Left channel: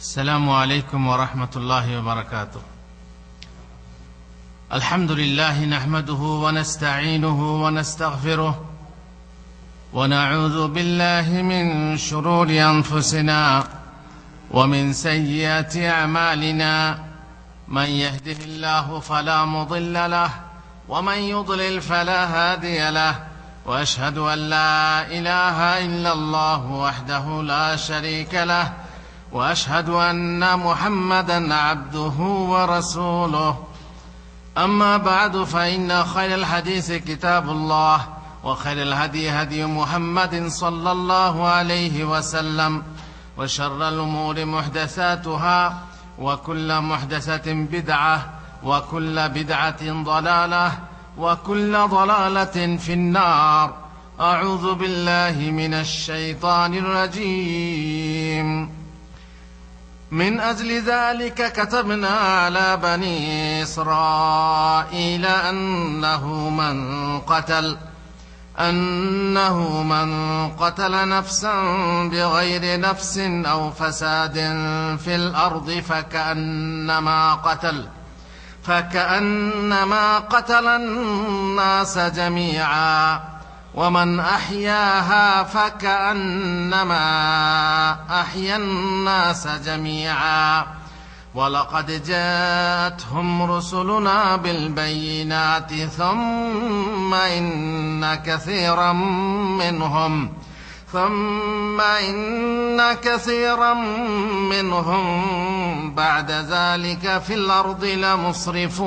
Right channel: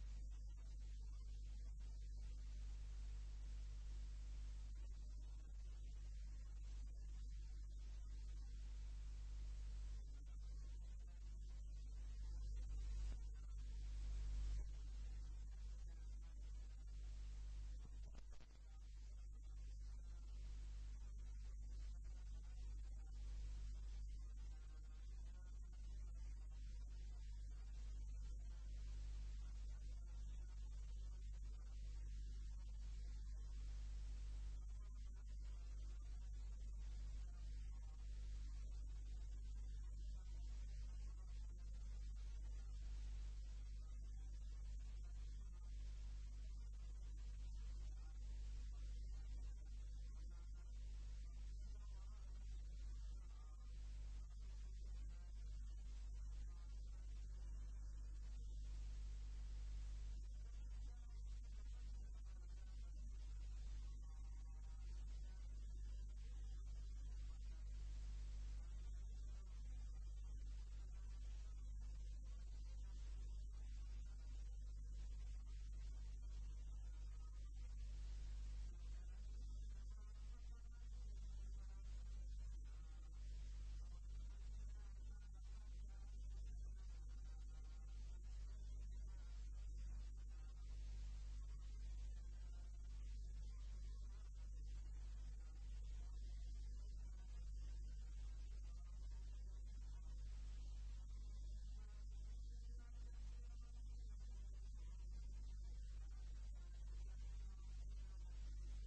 السلام عليكم ورحمة الله وبركاته. الحمد لله نحمده ونستعينه ونستغفره ونعوذ بالله من شرور أنفسنا ومن سيئات أعمالنا، من يهده الله فلا مضل له ومن يضلل فلا هادي له، وأشهد أن لا إله إلا الله وحده لا شريك له، وأشهد أن محمدا عبده ورسوله. أما بعد، فإن خير الحديث كتاب الله، وخير الهدي هدي محمد صلى الله عليه وسلم، وشر الأمور محدثاتها، وكل محدثة بدعة، وكل بدعة ضلالة، وكل ضلالة في النار. أعوذ بالله من الشيطان الرجيم. من أجل ذلك كتبنا على بني إسرائيل أنه من قتل نفسا بغير نفس أو فساد في الأرض فكأنما قتل الناس جميعا، ومن أحياها فكأنما أحيا الناس جميعا. ولقد جاءتهم رسلنا بالبينات ثم إن كثيرا منهم بعد ذلك في الأرض لمسرفون।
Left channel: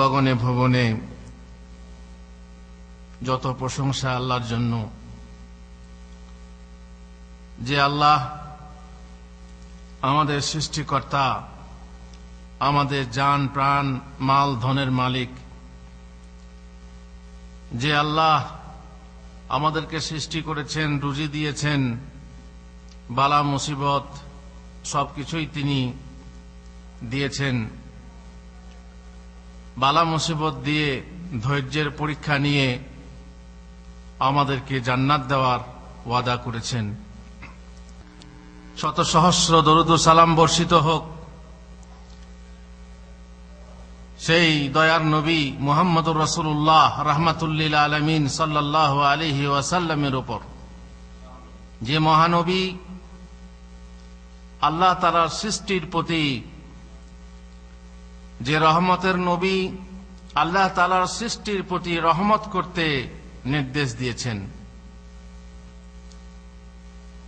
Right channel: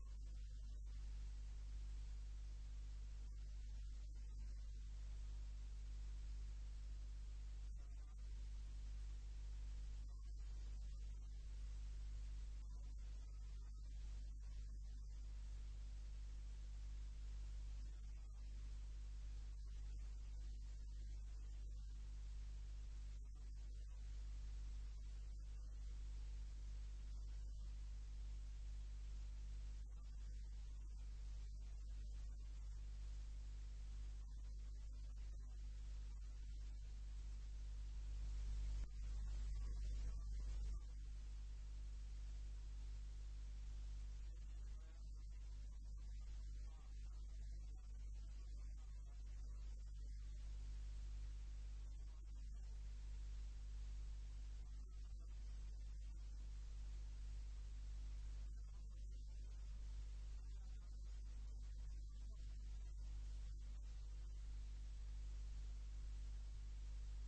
গগনে ভুবনে যত প্রশংসা আল্লাহর জন্য, যে আল্লাহ আমাদের সৃষ্টিকর্তা, আমাদের জান প্রাণ মাল ধনের মালিক, যে আল্লাহ আমাদেরকে সৃষ্টি করেছেন, রুজি দিয়েছেন, বালা মুসিবত সবকিছুই তিনি দিয়েছেন। বালা মুসিবত দিয়ে ধৈর্যের পরীক্ষা নিয়ে আমাদেরকে জান্নাত দেওয়ার ওয়াদা করেছেন। শত সহস্র দরুদ ও সালাম বর্ষিত হোক সেই দয়ার নবী মুহাম্মদুর রাসূলুল্লাহ রাহমাতুল্লিল আলামিন সাল্লাল্লাহু আলাইহি ওয়াসাল্লামের উপর, যে মহানবী আল্লাহ তাআলার সৃষ্টির প্রতি, যে রহমতের নবী, আল্লাহ তাআলার সৃষ্টির প্রতি রহমত করতে নির্দেশ দিয়েছেন।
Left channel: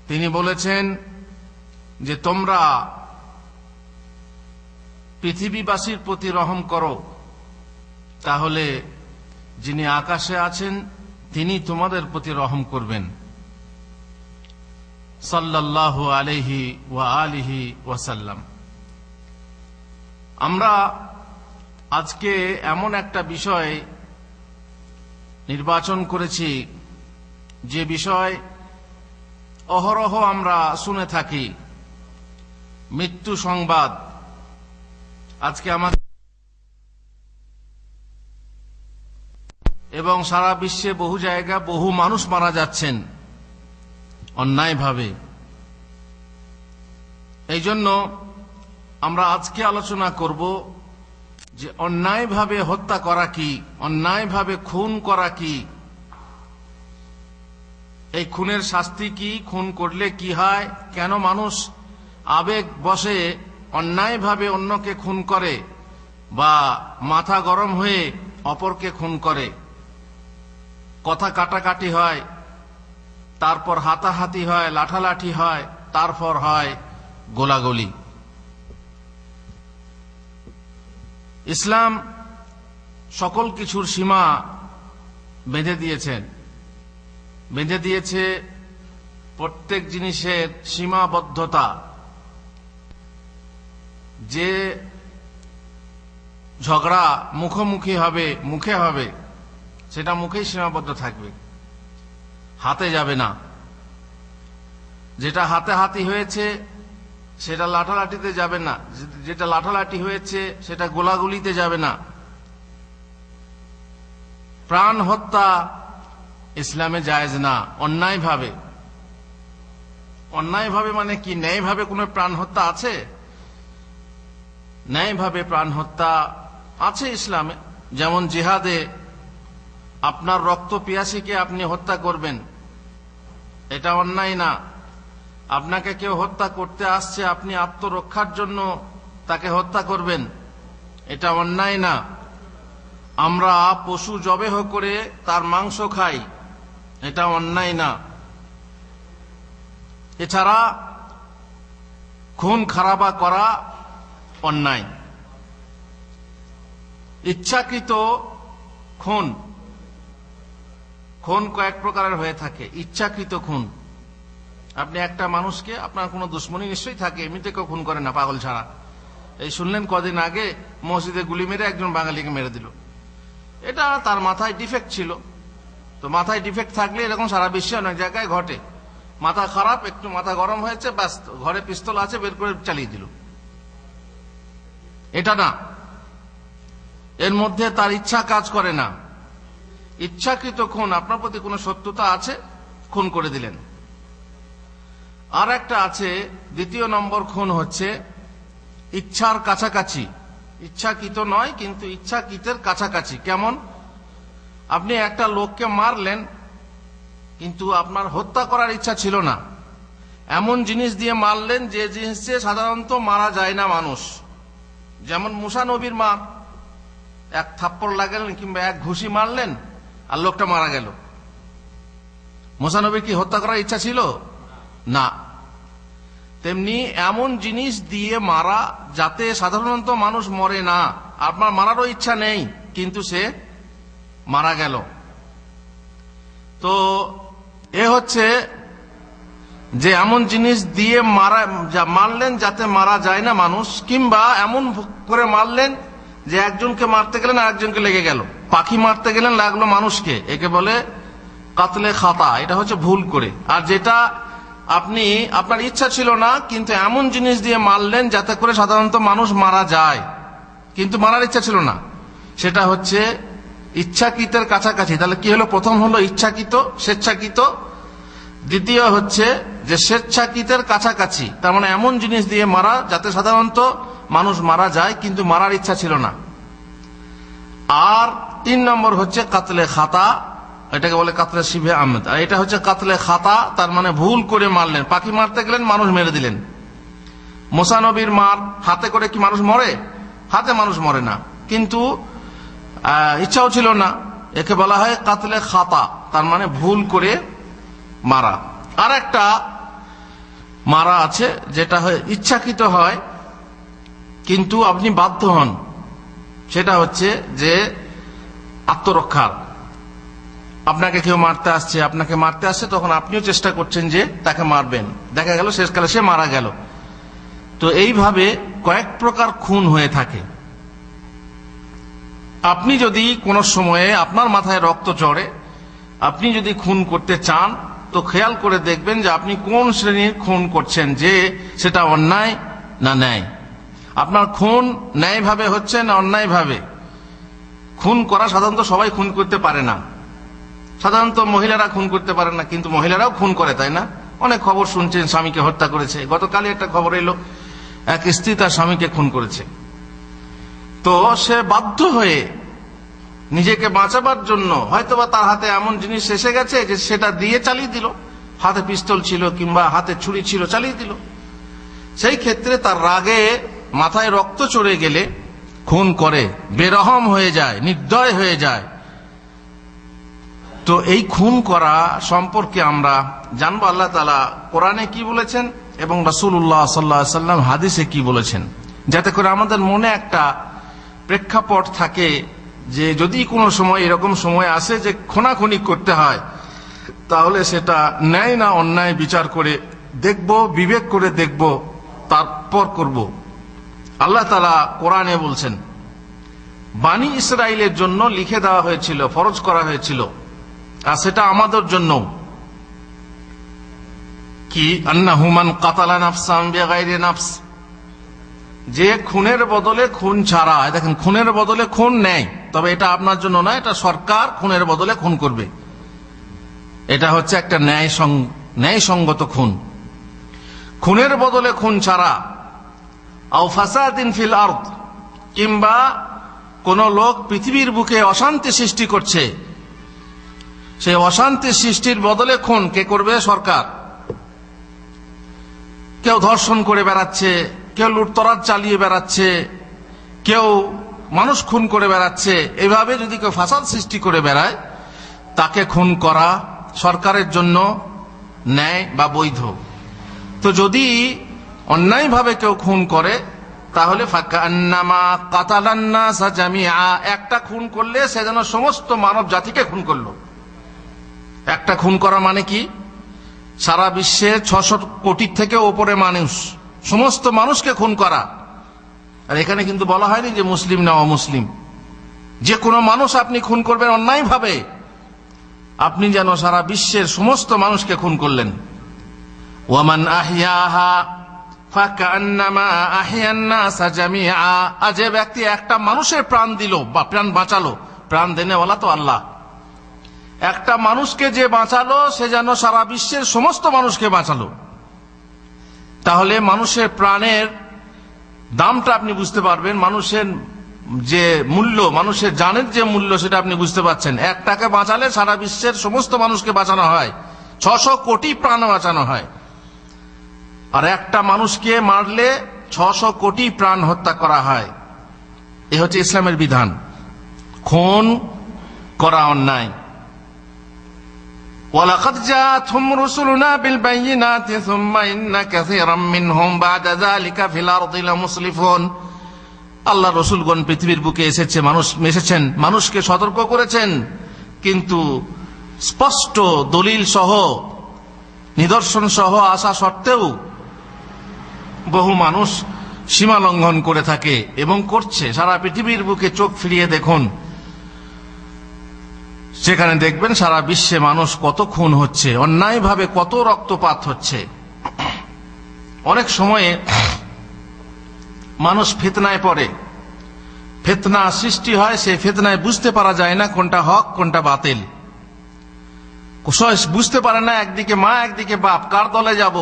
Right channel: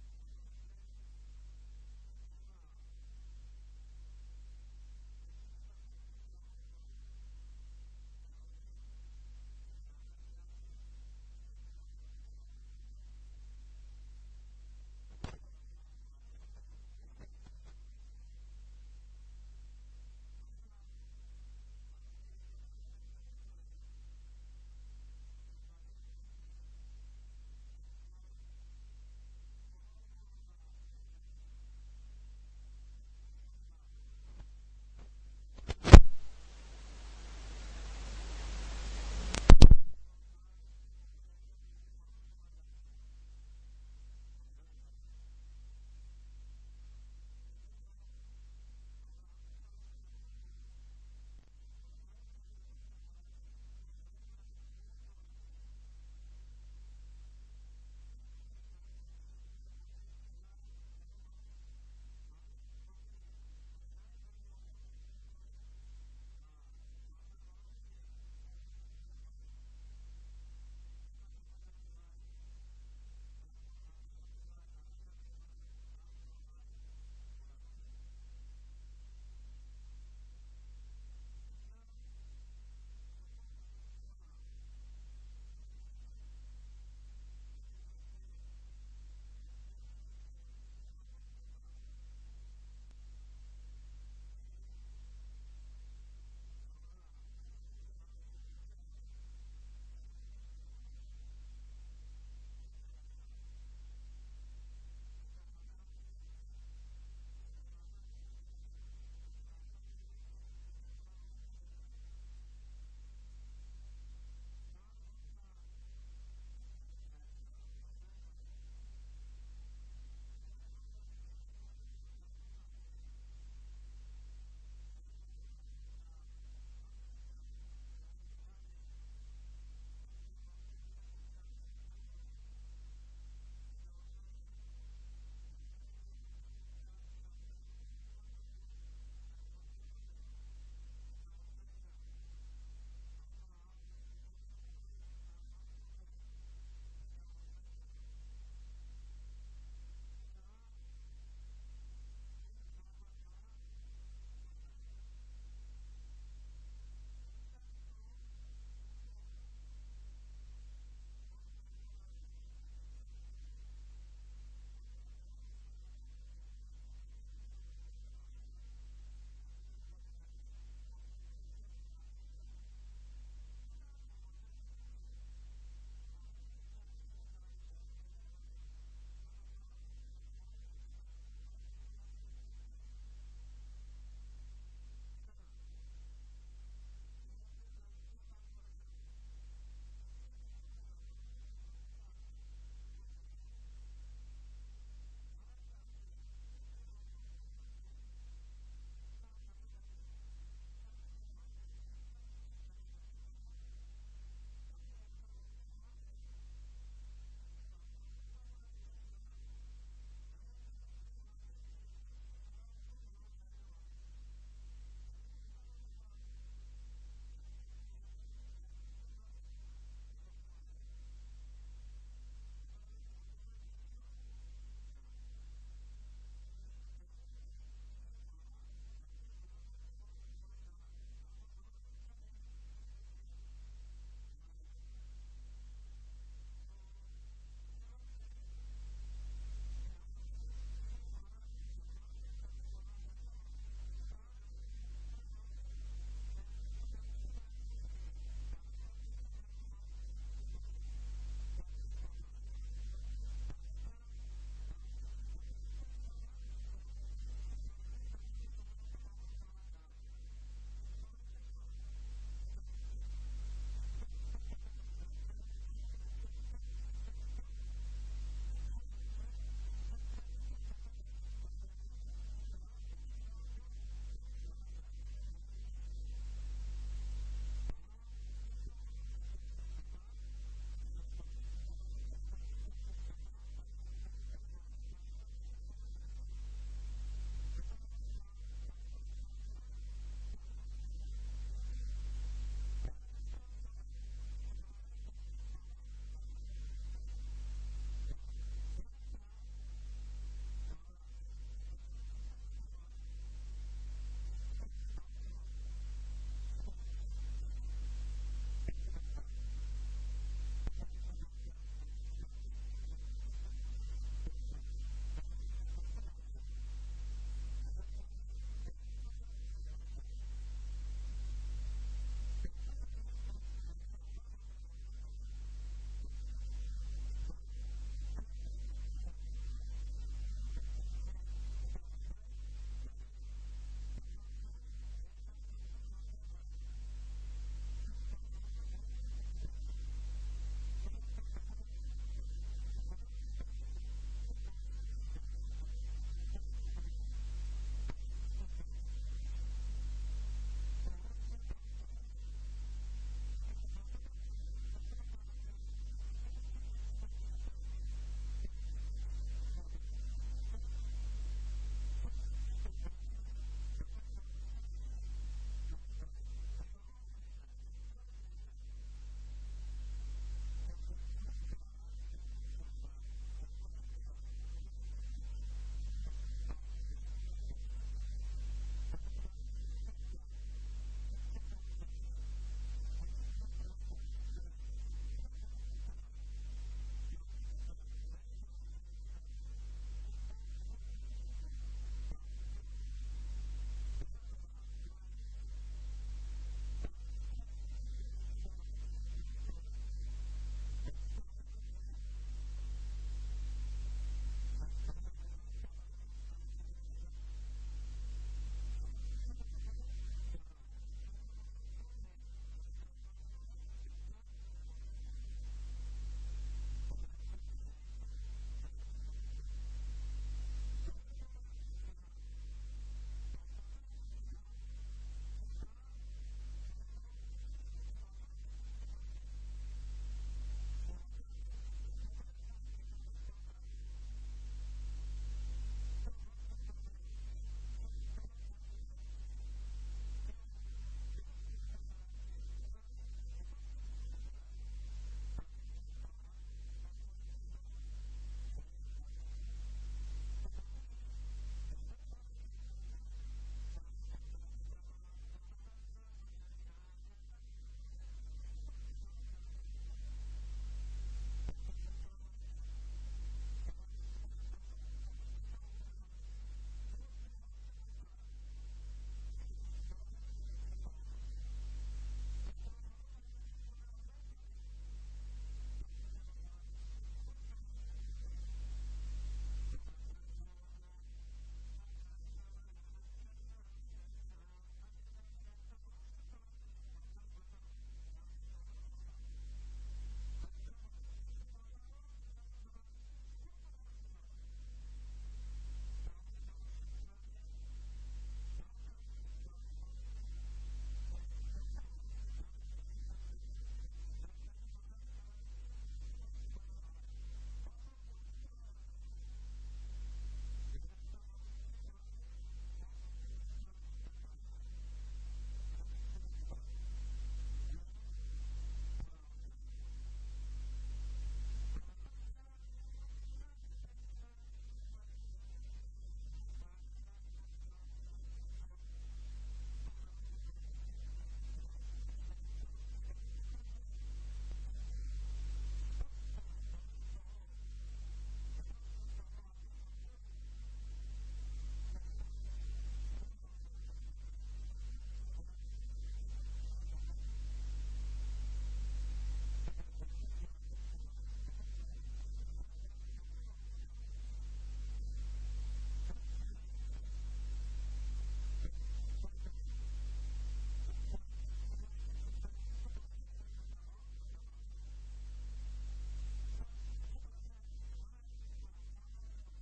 তিনি বলেছেন যে তোমরা পৃথিবীবাসীর প্রতি রহম করো, তাহলে যিনি আকাশে আছেন তিনি তোমাদের প্রতি রহম করবেন। সাল্লাল্লাহু আলাইহি ওয়া আলিহি ওয়াসাল্লাম। আমরা আজকে এমন একটা বিষয় নির্বাচন করেছি, যে বিষয় অহরহ আমরা শুনে থাকি, মৃত্যু সংবাদ। আজকে আমাদের এবং সারা বিশ্বে বহু জায়গা বহু মানুষ মারা যাচ্ছেন অন্যায়ভাবে। এই জন্য আমরা আজকে আলোচনা করব যে অন্যায়ভাবে হত্যা করা কি, অন্যায়ভাবে খুন করা কি, এই খুনের শাস্তি কি, খুন করলে কি হয়, কেন মানুষ আবেগ বশে অন্যায়ভাবে অন্যকে খুন করে বা মাথা গরম হয়ে অপরকে খুন করে, কথা কাটাকাটি হয়, তারপর হাতাহাতি হয়, লাঠালাঠি হয়, তারপর হয় গোলাগুলি। ইসলাম সকল কিছুর সীমা বেঁধে দিয়েছে প্রত্যেক জিনিসের সীমাবদ্ধতা। যে ঝগড়া মুখোমুখি হবে, মুখে হবে, সেটা মুখেই সীমাবদ্ধ থাকবে, হাতে যাবে না। যেটা হাতাহাতি হয়েছে সেটা লাঠালাঠিতে যাবে না, যেটা লাঠালাঠি হয়েছে সেটা গোলাগুলিতে যাবে না। প্রাণ হত্যা ইসলামে জায়েজ না। অন্যায়ভাবে, অন্যায়ভাবে মানে কি? ন্যায়ভাবে কোনো প্রাণ হত্যা আছে? ন্যায়ভাবে প্রাণ হত্যা আছে ইসলামে। যেমন জিহাদে আপনার রক্ত পিয়াসীকে আপনি হত্যা করবেন, এটা অন্যায় না। আপনাকে কেউ হত্যা করতে আসছে, আপনি আত্মরক্ষার জন্য তাকে হত্যা করবেন, এটা অন্যায় না। আমরা পশু জবেহ করে তার মাংস খাই, এটা অন্যায় না। এছাড়া খুন খারাপা করা অন্যায়। ইচ্ছাকৃত খুন, খুন কয়েক প্রকারের হয়ে থাকে। ইচ্ছাকৃত খুন, আপনি একটা মানুষকে, আপনার কোনো দুশ্মনী নিশ্চয়ই থাকে, এমনিতে কেউ খুন করে না পাগল ছাড়া। এই শুনলেন কদিন আগে মসজিদে গুলি মেরে একজন বাঙালিকে মেরে দিল, এটা তার মাথায় ডিফেক্ট ছিল। তো মাথায় ডিফেক্ট থাকলে এরকম সারা বিশ্বে অনেক জায়গায় ঘটে। মাথা খারাপ, একটু মাথা গরম হয়েছে, ব্যাস ঘরে পিস্তল আছে, বের করে চালিয়ে দিল, এটা না। এর মধ্যে তার ইচ্ছা কাজ করে না। ইচ্ছাকৃত খুন, আপনার প্রতি কোনো শত্রুতা আছে, খুন করে দিলেন। আর একটা আছে, দ্বিতীয় নম্বর খুন হচ্ছে ইচ্ছার কাছাকাছি। ইচ্ছাকৃত নয়, কিন্তু ইচ্ছাকৃতের কাছাকাছি। কেমন? আপনি একটা লোককে মারলেন, কিন্তু আপনার হত্যা করার ইচ্ছা ছিল না, এমন জিনিস দিয়ে মারলেন যে জিনিস দিয়ে সাধারণত মারা যায় না মানুষ। যেমন মুসা নবীর মার, এক থাপ্পড় লাগালেন কিংবা এক ঘুষি মারলেন আর লোকটা মারা গেল। মুসা নবীর কি হত্যা করার ইচ্ছা ছিল? না। তেমনি এমন জিনিস দিয়ে মারা যাতে সাধারণত মানুষ মরে না, আপনার মারারও ইচ্ছা নেই, কিন্তু সে মারা গেল। তো এ হচ্ছে যে এমন জিনিস দিয়ে মারলেন যাতে মারা যায় না মানুষ, কিংবা এমন করে মারলেন যে একজনকে মারতে গেলেন আর একজনকে লেগে গেল। পাখি মারতে গেলেন, লাগলো মানুষকে, একে বলে কাতলে খাতা, এটা হচ্ছে ভুল করে। আর যেটা আপনি, আপনার ইচ্ছা ছিল না, কিন্তু এমন জিনিস দিয়ে মারলেন যাতে করে সাধারণত মানুষ মারা যায়, কিন্তু মারার ইচ্ছা ছিল না, সেটা হচ্ছে ইচ্ছাকৃতের কাছাকাছি। তাহলে কি হলো? প্রথম হলো ইচ্ছাকৃত, স্বেচ্ছাকৃত। দ্বিতীয় হচ্ছে যে স্বেচ্ছাকৃতের কাছাকাছি, তার মানে এমন জিনিস দিয়ে মারা যাতে সাধারণত মানুষ মারা যায়, কিন্তু মারার ইচ্ছা ছিল না। আর 3 নম্বর হচ্ছে কাতলে খাতা, এটাকে বলে কাতলে শিবে আহমেদ। আর এটা হচ্ছে কাতলে খাতা, তার মানে ভুল করে মারলেন। পাখি মারতে গেলেন, মানুষ মেরে দিলেন। মুসা নবীর মার, হাতে করে কি মানুষ মরে? হাতে মানুষ মরে না, কিন্তু ইচ্ছাও ছিল না, একে বলা হয় কাতলে খাতা, তার মানে ভুল করে মারা। আর একটা মারা আছে যেটা হয় ইচ্ছাকৃত হয়, কিন্তু আপনি বাধ্য হন, সেটা হচ্ছে যে আত্মরক্ষার। আপনাকে কেউ মারতে আসছে, আপনাকে মারতে আসছে, তখন আপনিও চেষ্টা করছেন যে তাকে মারবেন, দেখা গেল শেষকালে সে মারা গেল। তো এইভাবে কয়েক প্রকার খুন হয়ে থাকে। আপনি যদি কোনো সময়ে আপনার মাথায় রক্ত চড়ে, আপনি যদি খুন করতে চান, তো খেয়াল করে দেখবেন যে আপনি কোন শ্রেণীর খুন করছেন, যে সেটা অন্যায় না ন্যায়। আপনার খুন ন্যায়ভাবে হচ্ছে না অন্যায়ভাবে। খুন করা সাধারণত সবাই খুন করতে পারে না, সাধারণত মহিলারা খুন করতে পারে না, কিন্তু মহিলারাও খুন করে, তাই না? অনেক খবর শুনছেন, স্বামীকে হত্যা করেছে। গতকালই একটা খবর এলো, এক স্ত্রী তার স্বামীকে খুন করেছে। তো সে বাধ্য হয়ে নিজেকে বাঁচাবার জন্য হয়তোবা তার হাতে এমন জিনিস এসে গেছে যে সেটা দিয়ে চালিয়ে দিল। হাতে পিস্তল ছিল কিংবা হাতে ছুরি ছিল, চালিয়ে দিল। সেই ক্ষেত্রে তার রাগে মাথায় রক্ত চড়ে গেলে খুন করে, বেরহম হয়ে যায়, নির্দয় হয়ে যায়। তো এই খুন করা সম্পর্কে আমরা জানবো আল্লাহ তাআলা কোরআনে কি বলেছেন এবং রাসূলুল্লাহ সাল্লাল্লাহু আলাইহি ওয়াসাল্লাম হাদিসে কি বলেছেন, যাতে করে আমাদের মনে একটা প্রেক্ষাপট থাকে যে যদি কোনো সময় এরকম সময় আসে যে খুনাখুনি করতে হয়, তাহলে সেটা ন্যায় না অন্যায় বিচার করে দেখব, বিবেক করে দেখব, তারপর করব। আল্লাহ তাআলা কোরআনে বলছেন, বানি ইসরাইলের জন্য লিখে দেওয়া হয়েছিল, ফরজ করা হয়েছিল, আর সেটা আমাদের জন্য কি, আন্নাহু মান কাতালা নাফসান বিগাইরি নাফস, যে খুনের বদলে খুন ছাড়া। দেখেন, খুনের বদলে খুন নেয়, তবে এটা আপনার জন্য না, এটা সরকার খুনের বদলে খুন করবে। এটা হচ্ছে একটা ন্যায়সঙ্গত খুন। খুনের বদলে খুন ছাড়া, আও ফাসাদিন ফিল আরদ, কিংবা কোন লোক পৃথিবীর বুকে অশান্তি সৃষ্টি করছে, সেই অশান্তি সৃষ্টির বদলে খুন কে করবে? সরকার। কেউ ধর্ষণ করে বেড়াচ্ছে, কেউ লুটতরাজ চালিয়ে বেড়াচ্ছে, কেউ মানুষ খুন করে বেড়াচ্ছে, এইভাবে যদি কেউ ফাসাদ সৃষ্টি করে বেড়ায়, তাকে খুন করা সরকারের জন্য ন্যায় বা বৈধ। তো যদি অন্যায়ভাবে কেউ খুন করে, তাহলে ফাকান্নামা কাতালান নাসা জামিআ, একটা খুন করলে সে যেন সমস্ত মানব জাতিকে খুন করলো। একটা খুন করা মানে কি? সারা বিশ্বের 600 কোটির থেকে ওপরে মানুষ, সমস্ত মানুষকে খুন করা। আর এখানে কিন্তু বলা হয়নি যে মুসলিম না অমুসলিম, যে কোনো মানুষ আপনি খুন করবেন অন্যায়ভাবে, আপনি যেন সারা বিশ্বের সমস্ত মানুষকে খুন করলেন। ওয়ামান আহিয়াহা ফাকান্নামা আহিয়ান নাসা জামিআ, যে ব্যক্তি একটা মানুষের প্রাণ দিল বা প্রাণ বাঁচালো, প্রাণ দেনেওয়ালা তো আল্লাহ, একটা মানুষকে যে বাঁচালো সে যেন সারা বিশ্বের সমস্ত মানুষকে বাঁচালো। তাহলে মানুষের প্রাণের দামটা আপনি বুঝতে পারবেন, মানুষের যে মূল্য, মানুষের জানের যে মূল্য, সেটা আপনি বুঝতে পারছেন। একটাকে বাঁচালে সারা বিশ্বের সমস্ত মানুষকে বাঁচানো হয়, 600 কোটি প্রাণ বাঁচানো হয়। আর একটা মানুষকে মারলে 600 কোটি প্রাণ হত্যা করা হয়। এ হচ্ছে ইসলামের বিধান। খুন করা অন্যায়। ওয়ালাকাদ জাআতহুম রুসুলুনা বিল বাইয়িনাতি সুম্মা ইন্না কাসীরাম মিনহুম বা'দা যালিকা ফিল আরদি লামুসলিফুন। আল্লাহ রসুলগণ পৃথিবীর বুকে এসেছেন, মানুষকে সতর্ক করেছেন, কিন্তু স্পষ্ট দলিল সহ, নিদর্শন সহ আসা সত্ত্বেও বহু মানুষ সীমা লঙ্ঘন করে থাকে এবং করছে। সারা পৃথিবীর বুকে চোখ ফিরিয়ে দেখুন, সেখানে দেখবেন সারা বিশ্বে মানুষ কত খুন হচ্ছে, অন্যায়ভাবে কত রক্তপাত হচ্ছে। অনেক সময়ে মানুষ ফিতনায় পড়ে, ফিতনা সৃষ্টি হয়, সেই ফিতনায় বুঝতে পারা যায় না কোনটা হক কোনটা বাতিল। বুঝতে পারে না একদিকে মা একদিকে বাপ, কার দলে যাব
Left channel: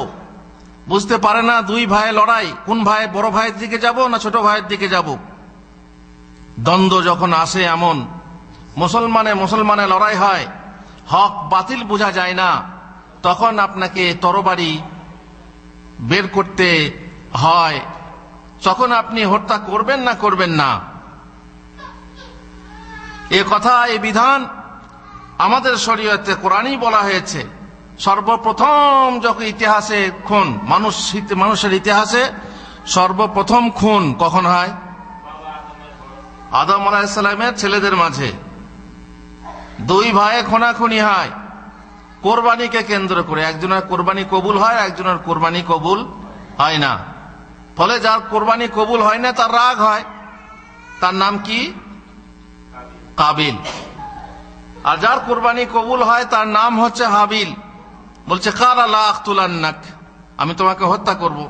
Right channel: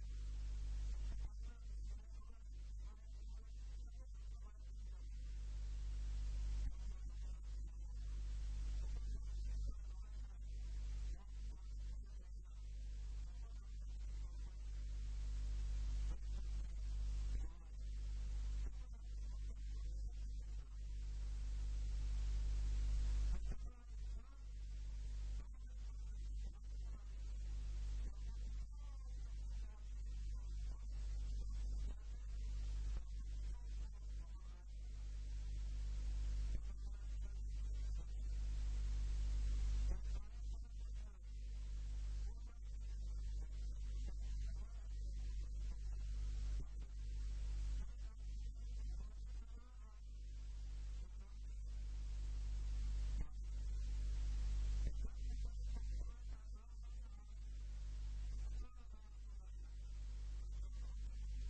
বুঝতে পারে না। দুই ভাই লড়াই, কোন ভাই, বড় ভাইয়ের দিকে যাব না ছোট ভাইয়ের দিকে যাব। দ্বন্দ্ব যখন আসে, এমন মুসলমানে লড়াই হয়, হক বাতিল বোঝা যায় না, তখন আপনাকে তরবারি বের করতে হয়। তখন আপনি হত্যা করবেন না করবেন না, এ কথা, এই বিধান আমাদের শরীয়তে কোরআনই বলা হয়েছে। সর্বপ্রথম যখন ইতিহাসে খুন, মানুষের ইতিহাসে সর্বপ্রথম খুন কখন হয়? আদম আলাইহিস সালামের ছেলেদের মাঝে দুই ভাইয়ে খুনাখুনি হয় কোরবানিকে কেন্দ্র করে। একজনের কোরবানি কবুল হয়, একজনের কোরবানি কবুল হয় না। ফলে যার কোরবানি কবুল হয় না তার রাগ হয়, তার নাম কি? কাবিল। আর যার কোরবানি কবুল হয় তার নাম হচ্ছে হাবিল। বলছে কালা লা আকতুলান্নাক, আমি তোমাকে হত্যা করব।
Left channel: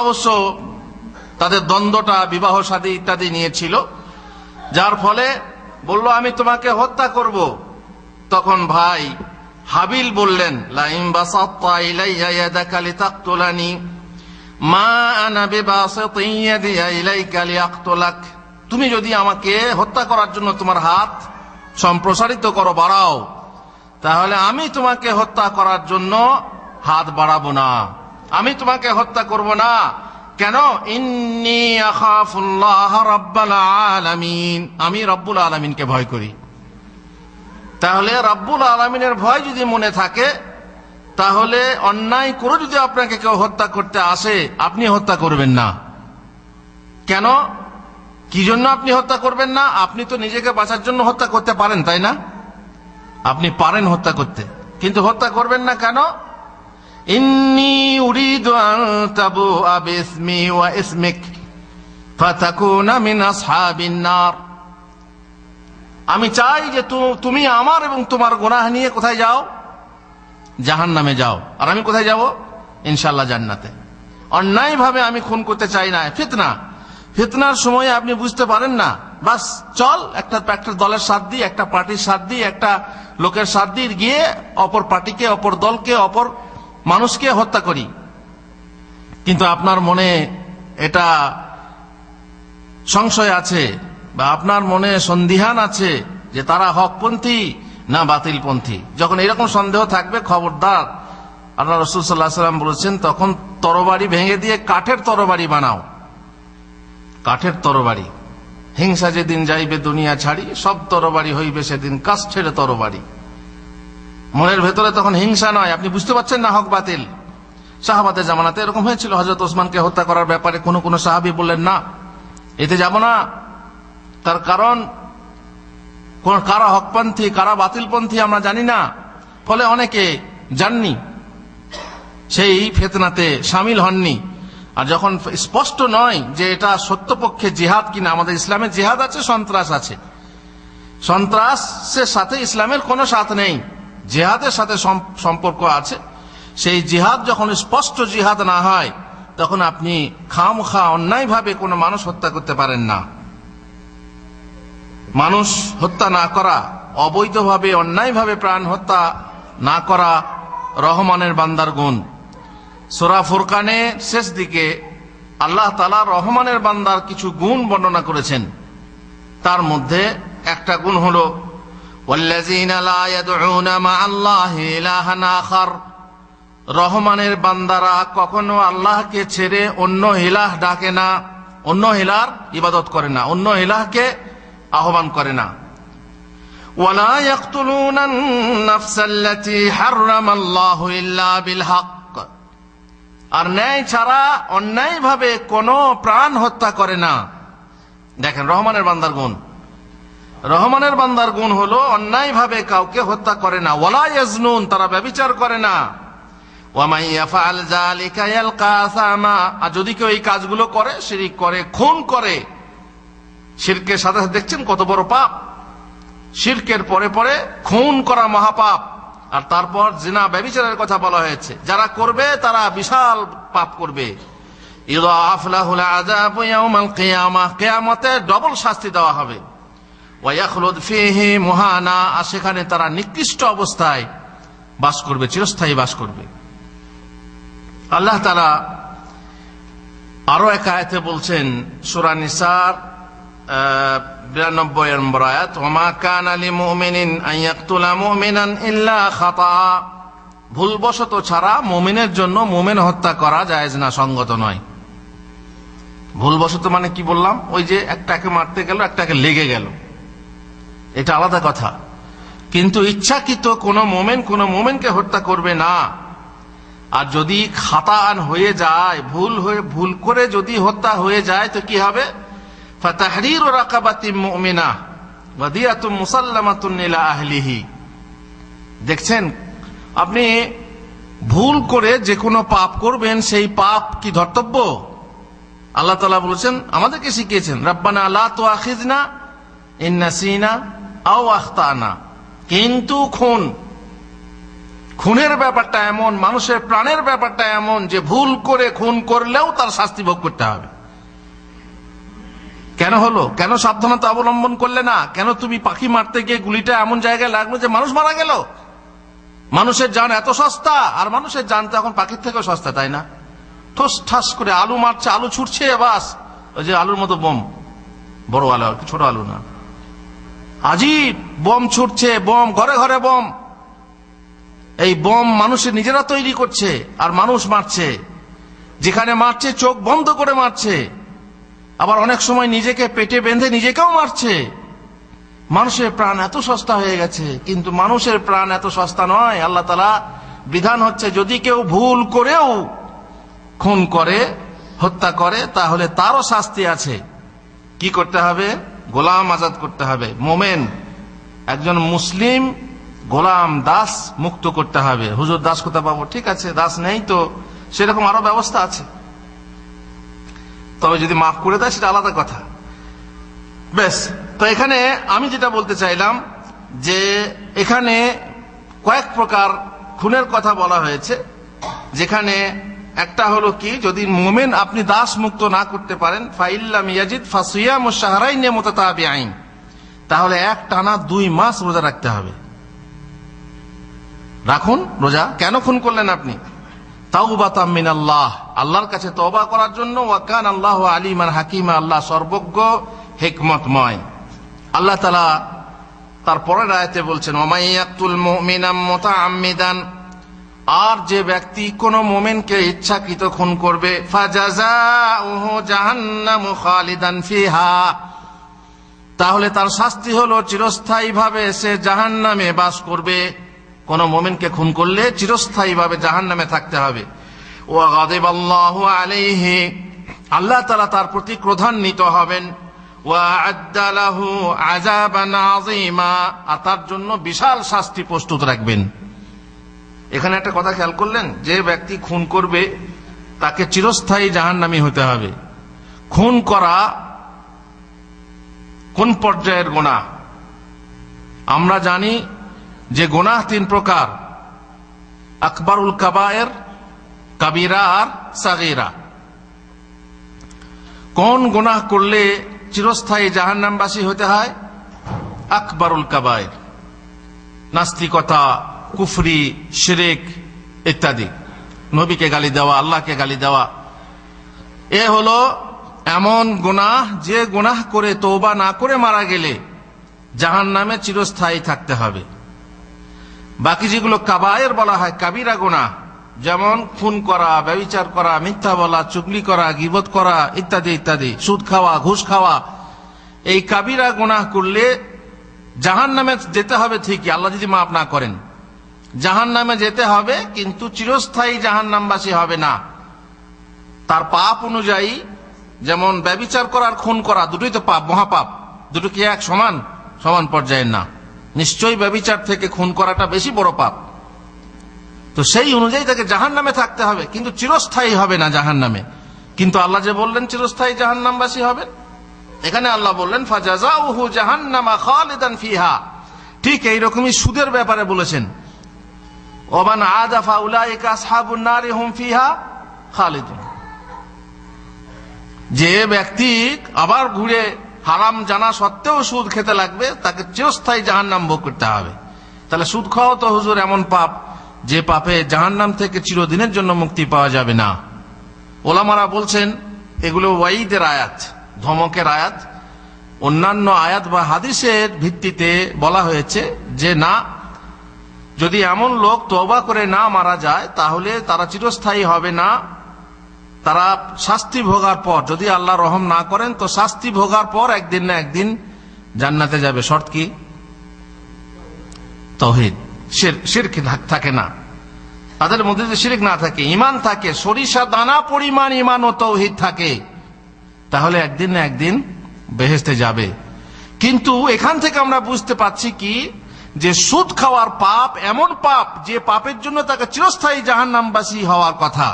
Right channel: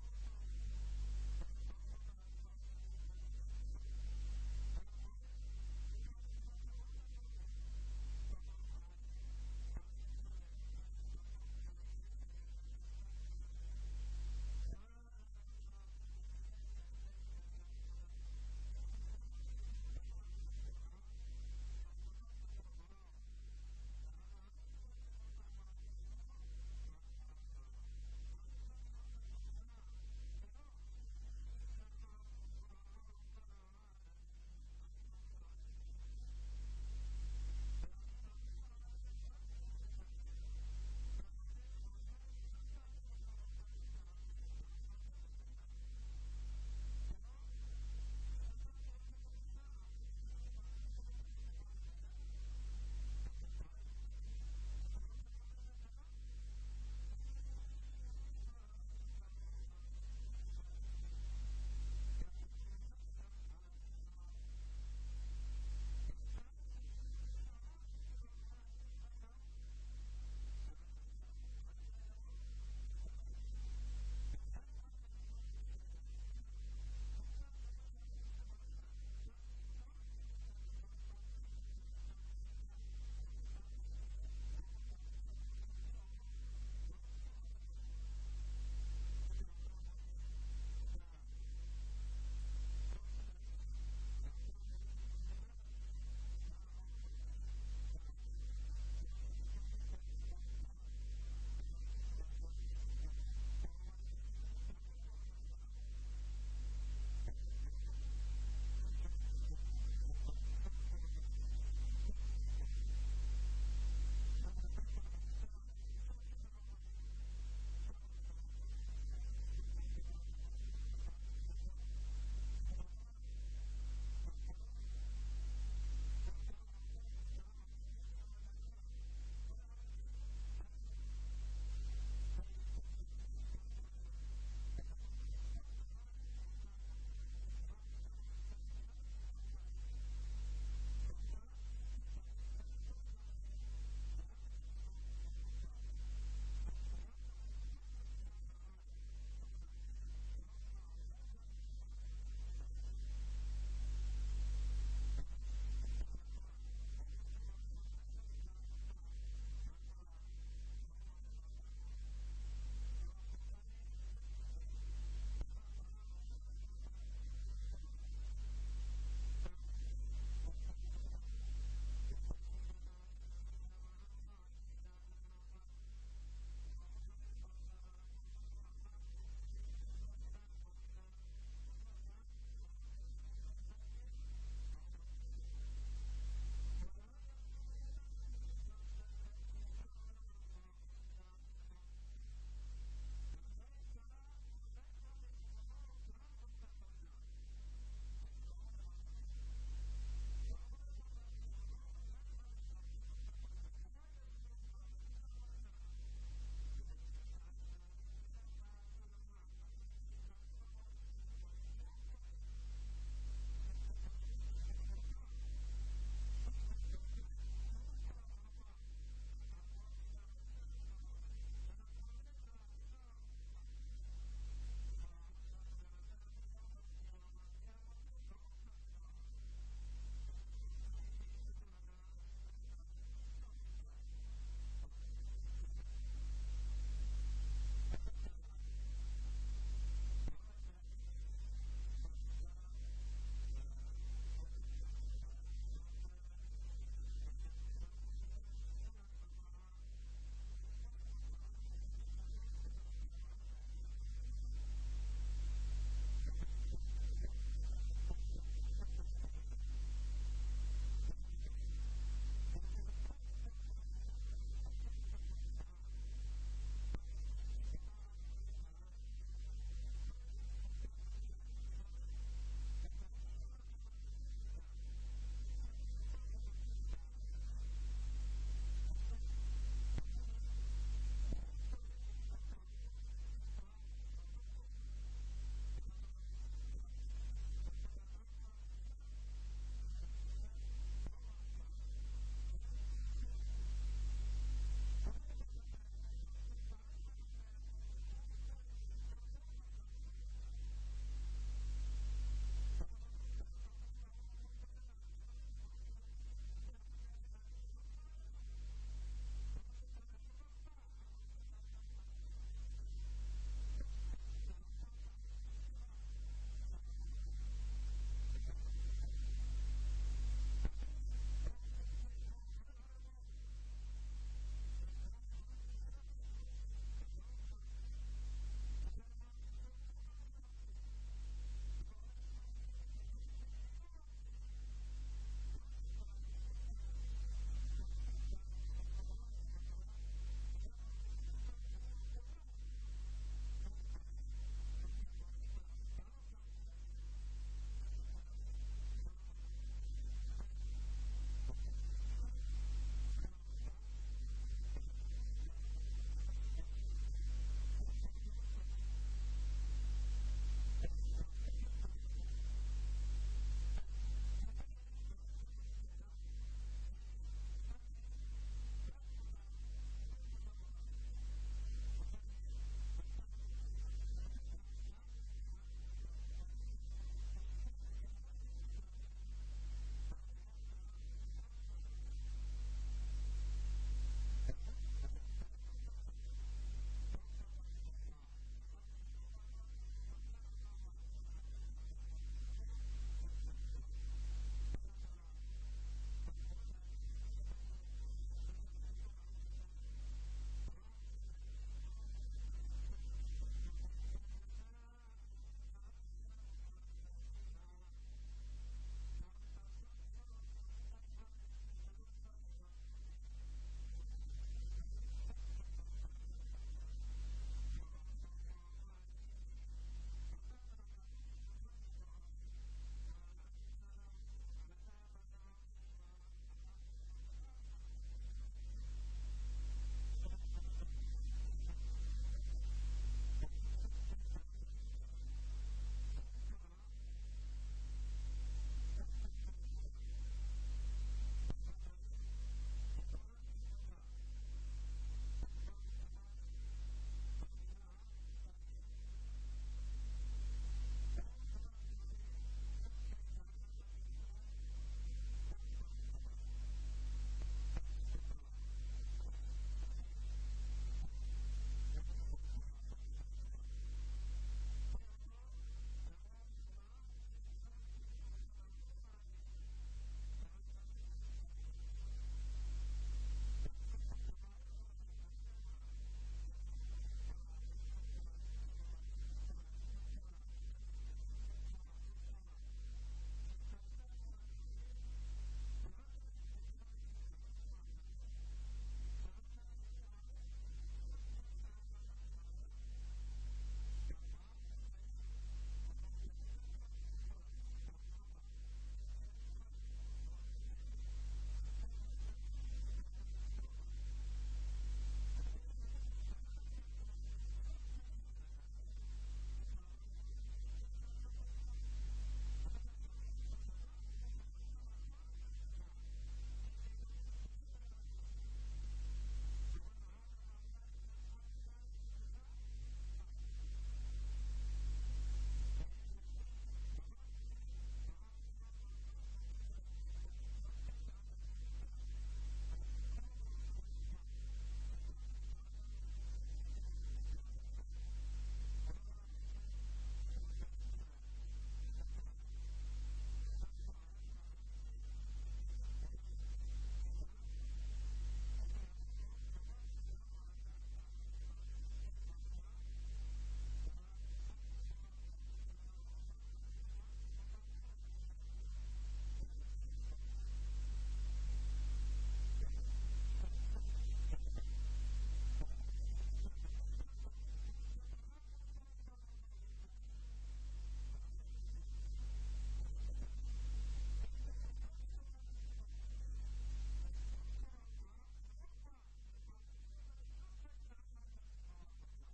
অবশ্য তাদের দ্বন্দ্বটা বিবাহ শাদী ইত্যাদি নিয়েছিল, যার ফলে বলল আমি তোমাকে হত্যা করব। তখন ভাই হাবিল বললেন লাইন বাসাত্তা ইলাইয়া ইয়াদাকা লিতাকতুলানি মা আনা বিবাসিতিন ইয়াদিয়া ইলাইকা লিআকতুলাক, তুমি যদি আমাকে হত্যা করার জন্য তোমার হাত সম্প্রসারিত করো, বাড়াও, তাহলে আমি তোমাকে হত্যা করার জন্য হাত বাড়াবো না, আমি তোমাকে হত্যা করব না। কেন? ইন্নী আখাফুল্লাহ রাব্বাল আলামিন, আমি রব্বুল আলামিনকে ভয় করি। তাহলে রব্বুল আলামিনের ভয় যদি মনে থাকে, তাহলে অন্যায় করে যদি আপনাকে কেউ হত্যা করতে আসে, আপনি হত্যা করবেন না। কেন? কি জন্য আপনি হত্যা করবেন না? আপনি তো নিজেকে বাঁচার জন্য হত্যা করতে পারেন, তাই না? আপনি পারেন হত্যা করতে, কিন্তু হত্যা করবেন না কেন? ইন্নী উরিদু আন তাবুআ বিসমি ওয়া ইসমিক ফাতাকুনা মিন আসহাবিন নার, আমি চাই যে তুমি আমার এবং তোমার গুনাহ নিয়ে কোথায় যাও? জাহান্নামে যাও। আর আমি কোথায় যাব? ইনশাআল্লাহ জান্নাতে। অন্যায়ভাবে আমি খুন করতে চাই না। ফিতনা, ফিতনার সময় আপনি বুঝতে পারেন না, বাস চল একটা দলের সাথ দিই, একটা পার্টির সাথ দিই, একটা লোকের সাথ দিয়ে গিয়ে অপর পার্টিকে, অপর দলকে, অপর মানুষকে হত্যা করি। কিন্তু আপনার মনে এটা সংশয় আছে বা আপনার মনে সন্দিহান আছে যে তারা হকপন্থী না বাতিলপন্থী। যখন এরকম সন্দেহ থাকবে, খবরদার, আল্লাহ রাসূল সাল্লাল্লাহু আলাইহি ওয়াসাল্লাম বলেছেন, তখন তরবারি ভেঙে দিয়ে কাঠের তরবারি বানাও, কাঠের তরবারি। হিংসা যেদিন যাইবে দুনিয়া ছাড়ি, সব তরবারি হইবে সেদিন কাষ্ঠের তরবারি। মনের ভেতরে তখন হিংসা নয়, আপনি বুঝতে পারছেন না হক বাতিল। সাহাবাদের জামানাতে এরকম হয়েছিল। হযরত ওসমানকে হত্যা করার ব্যাপারে কোন সাহাবী বললেন না, এতে যাব না। তার কারণ কারা হকপন্থী কারা বাতিলপন্থী আমরা জানি না, ফলে অনেকে জাননি, সেই ফিতনাতে শামিল হননি। আর যখন স্পষ্ট নয় যে এটা সত্যপক্ষে জিহাদ কিনা, আমাদের ইসলামে জিহাদ আছে, সন্ত্রাস আছে। সন্ত্রাসের সাথে ইসলামের কোনো সাথ নেই, জিহাদের সাথে সম্পর্ক আছে। সেই জিহাদ যখন স্পষ্ট জিহাদ না হয়, তখন আপনি খামখা অন্যায়ভাবে কোনো মানুষ হত্যা করতে পারেন না। মানুষ হত্যা না করা, অবৈধভাবে অন্যায়ভাবে প্রাণ হত্যা না করা রহমানের বান্দার গুণ। সূরা ফুরকানের শেষ দিকে আল্লাহ তাআলা রহমানের বান্দার কিছু গুণ বর্ণনা করেছেন। তার মধ্যে একটা গুণ হলো ওয়াল্লাযীনা লা ইয়াদউনা মা'আল্লাহি ইলাহান আখার। রহমানের বান্দারা কখনো আল্লাহকে ছেড়ে অন্য ইলাহ ডাকে না, অন্য ইলাহর ইবাদত করে না, অন্য ইলাহকে আহ্বান করে না। ওয়ালা ইয়াকতুলুনান নাফসাল্লাতী হাররামাল্লাহু ইল্লা বিল হক। আর ন্যায় ছাড়া অন্যায়ভাবে কোনো প্রাণ হত্যা করে না। দেখেন রহমানের বান্দার গুণ। রহমানের বান্দার গুণ হলো অন্যায়ভাবে কাউকে হত্যা করে না। ওয়ালা ইয়াজনুন, তারা ব্যভিচার করে না। ওয়া মান ইয়াফআল যালিকা ইয়ালকা আসামা। আর যদি কেউ এই কাজগুলো করে, শিরক করে, খুন করে, শিরকের সাথে দেখছেন কত বড় পাপ। শিরকের পরে পরে খুন করা মহাপাপ। আর তারপর জিনা ব্যভিচারের কথা বলা হয়েছে, যারা করবে তারা বিশাল পাপ করবে। ইউদাআফ লাহুল আযাবু ইয়াউমাল কিয়ামাহ, কিয়ামতে ডবল শাস্তি দেওয়া হবে। ওয়া ইয়াখলুদ ফীহি মুহানা, আর সেখানে তারা নিকৃষ্ট অবস্থায় বাস করবে, চিরস্থায়ী বাস করবে। আল্লাহ তাআলা আরো এক আয়াতে বলছেন, সূরা নিসার 92 নম্বর আয়াত, ওয়া মা কানা লিমুমিনিন আন ইয়াকতুলা মুমিনান ইল্লা খাতা। ভুলবশত ছাড়া মুমিনের জন্য মুমিন হত্যা করা জায়েজ না, সঙ্গত নয়। ভুলবশত মানে কি বললাম? ওই যে একটাকে মারতে গেল, একটাকে লেগে গেল, এটা আলাদা কথা। কিন্তু ইচ্ছাকৃত কোনো মুমিনকে হত্যা করবে না। আর যদি খাতাআন হয়ে যায়, ভুল করে যদি হত্যা হয়ে যায়, তো কি হবে? ফাতাহরিরু রাকাবাতিন মুমিনাহ ওয়া দিয়াতুন মুসাল্লামাতুন ইলা আহলিহি। দেখছেন, আপনি ভুল করে যে কোনো পাপ করবেন, সেই পাপ কি ধর্তব্য? আল্লাহ তাআলা বলেছেন, আমাদেরকে শিখিয়েছেন, রাব্বানা লা তুআখিযনা ইন নাসিনা আও আখতানা। কিন্তু খুনের ব্যাপারটা এমন, মানুষের প্রাণের ব্যাপারটা এমন যে ভুল করে খুন করলেও তার শাস্তি ভোগ করতে হবে। কেন হলো? কেন সাবধানতা অবলম্বন করলে না? কেন তুমি পাখি মারতে গিয়ে গুলিটা এমন জায়গায় লাগলো যে মানুষ মারা গেল? মানুষের জান এত সস্তা, আর মানুষের জান তো এখন পাখির থেকেও সস্তা, তাই না? ঠোস ঠাস করে আলু মারছে, আলু ছুটছে, বাস ওই যে আলুর মতো বোম, বড় আলু, ছোট আলু না, আজীব বোম ছুটছে, বোম, ঘরে ঘরে বোম। এই বোম মানুষের নিজেরা তৈরি করছে আর মানুষ মারছে। যেখানে মারছে চোখ বন্ধ করে মারছে, আবার অনেক সময় নিজেকে পেটে বেঁধে নিজেকেও মারছে। মানুষের প্রাণ এত সস্তা হয়ে গেছে, কিন্তু মানুষের প্রাণ এত সস্তা নয়। আল্লাহ তাআলা বিধান হচ্ছে, যদি কেউ ভুল করেও খুন করে, হত্যা করে, তাহলে তারও শাস্তি আছে। কি করতে হবে? গোলাম আজাদ করতে হবে। মোমেন একজন মুসলিম গোলাম দাস মুক্ত করতে হবে। হুজুর দাস কোথা পাবো? ঠিক আছে, দাস নেই তো সেরকম আরো ব্যবস্থা আছে, তবে যদি মাফ করে দেয় সেটা আলাদা কথা। বেশ, তো এখানে আমি যেটা বলতে চাইলাম যে এখানে কয়েক প্রকার খুনের কথা বলা হয়েছে, যেখানে একটা হলো কি, যদি মোমেন আপনি দাস মুক্ত না করতে পারেন, ফাইল্লাম ইয়াজিদ ফাসিয়ামু শাহরাইন মুতাতাবিআইন, তাহলে এক টানা 2 মাস রোজা রাখতে হবে। রাখুন রোজা। কেন খুন করলেন আপনি? তাওবাতাম মিনাল্লাহ, আল্লাহর কাছে তওবা করার জন্য। ওয়া কানা আল্লাহু আলিমান হাকিমা, আল্লাহ সর্বজ্ঞ হিকমতময়। আল্লাহ তাআলা তার পরের আয়াতে বলছেন, ওয়া মাইয়াকতুল মুমিনাম মুতাআম্মিদান, আর যে ব্যক্তি কোন মুমিনকে ইচ্ছাকৃত খুন করবে, ফাজাযাউহু জাহান্নামু খালিদান ফিহা, তাহলে তার শাস্তি হলো চিরস্থায়ীভাবে সে জাহান্নামে বাস করবে। কোন মুমিনকে খুন করলে চিরস্থায়ীভাবে জাহান্নামে থাকতে হবে। ওয়া গাদিবাল্লাহু আলাইহি, আল্লাহ তাআলা তার প্রতি ক্রোধান্বিত হবেন। ওয়া আ'আদ্দা লাহু আযাবান আযীমা, আর তার জন্য বিশাল শাস্তি প্রস্তুত রাখবেন। এখানে একটা কথা খেয়াল করলেন, যে ব্যক্তি খুন করবে তাকে চিরস্থায়ী জাহান্নামী হতে হবে। খুন করা কোন পর্যায়ের গুনাহ? আমরা জানি যে গুনাহ 3 প্রকার, আকবরুল কাবায়ের, কাবিরা আর সাগীরা। কোন গুনাহ করলে চিরস্থায়ী জাহান্নামবাসী হতে হয়? আকবরুল কাবায়ের, নাস্তিকতা, কুফরি, শিরক ইত্যাদি, নবীকে গালি দেওয়া, আল্লাহকে গালি দেওয়া। এ হলো এমন গুনাহ যে গুনাহ করে তওবা না করে মারা গেলে জাহান্নামে চিরস্থায়ী থাকতে হবে। বাকি যেগুলো কাবায়ের বলা হয়, কাবিরা গুনাহ, যেমন খুন করা, ব্যভিচার করা, মিথ্যা বলা, চুগলি করা, গীবত করা ইত্যাদি ইত্যাদি, সুদ খাওয়া, ঘুষ খাওয়া, এই কাবিরা গুনাহ করলে জাহান্নামে যেতে হবে ঠিকই, আল্লাহ যদি মাফ না করেন। জাহান্নামে যেতে হবে, কিন্তু চিরস্থায়ী জাহান্নামবাসী হবে না। তার পাপ অনুযায়ী, যেমন ব্যভিচার করার খুন করা, দুটোই তো পাপ, মহাপাপ। দুটো কি এক সমান? সমান পর্যায়ের না। নিশ্চয়ই ব্যভিচার থেকে খুন করাটা বেশি বড় পাপ। তো সেই অনুযায়ী তাকে জাহান্নামে থাকতে হবে, কিন্তু চিরস্থায়ী হবে না জাহান্নামে। কিন্তু আল্লাহ যে বললেন চিরস্থায়ী জাহান্নামবাসী হবেন, এখানে আল্লাহ বললেন ফাজাযাউহু জাহান্নামা খালিদান ফিহা। ঠিক এইরকমই সুদের ব্যাপারে বলেছেন, ওমান আদা ফাউলাইকা আসহাবুন নারি হুম ফিহা খালিদুন। যে ব্যক্তি আবার ঘুরে হারাম জানা সত্ত্বেও সুদ খেতে লাগবে, তাকে চিরস্থায়ী জাহান্নাম ভোগ করতে হবে। তাহলে সুদ খাওয়া তো হুজুর এমন পাপ, যে পাপে জাহান্নাম থেকে চিরদিনের জন্য মুক্তি পাওয়া যাবে না। ওলামারা বলছেন এগুলো ওয়াইদের আয়াত, ধমকের আয়াত। অন্যান্য আয়াত বা হাদিসের ভিত্তিতে বলা হয়েছে যে না, যদি এমন লোক তওবা করে না মারা যায় তাহলে তারা চিরস্থায়ী হবে না। তারা শাস্তি ভোগার পর, যদি আল্লাহ রহম না করেন, তো শাস্তি ভোগার পর একদিন না একদিন জান্নাতে যাবে। শর্ত কি? তাওহীদ, শিরক থাকে না তাদের মধ্যে। যদি শিরক না থাকে, ঈমান থাকে, সরিষা দানা পরিমাণ ঈমান ও তাওহীদ থাকে, তাহলে একদিন না একদিন বেহেশতে যাবে। কিন্তু এখান থেকে আমরা বুঝতে পারছি কি, যে সুদ খাওয়ার পাপ এমন পাপ যে পাপের জন্য তাকে চিরস্থায়ী জাহান্নামবাসী হওয়ার কথা।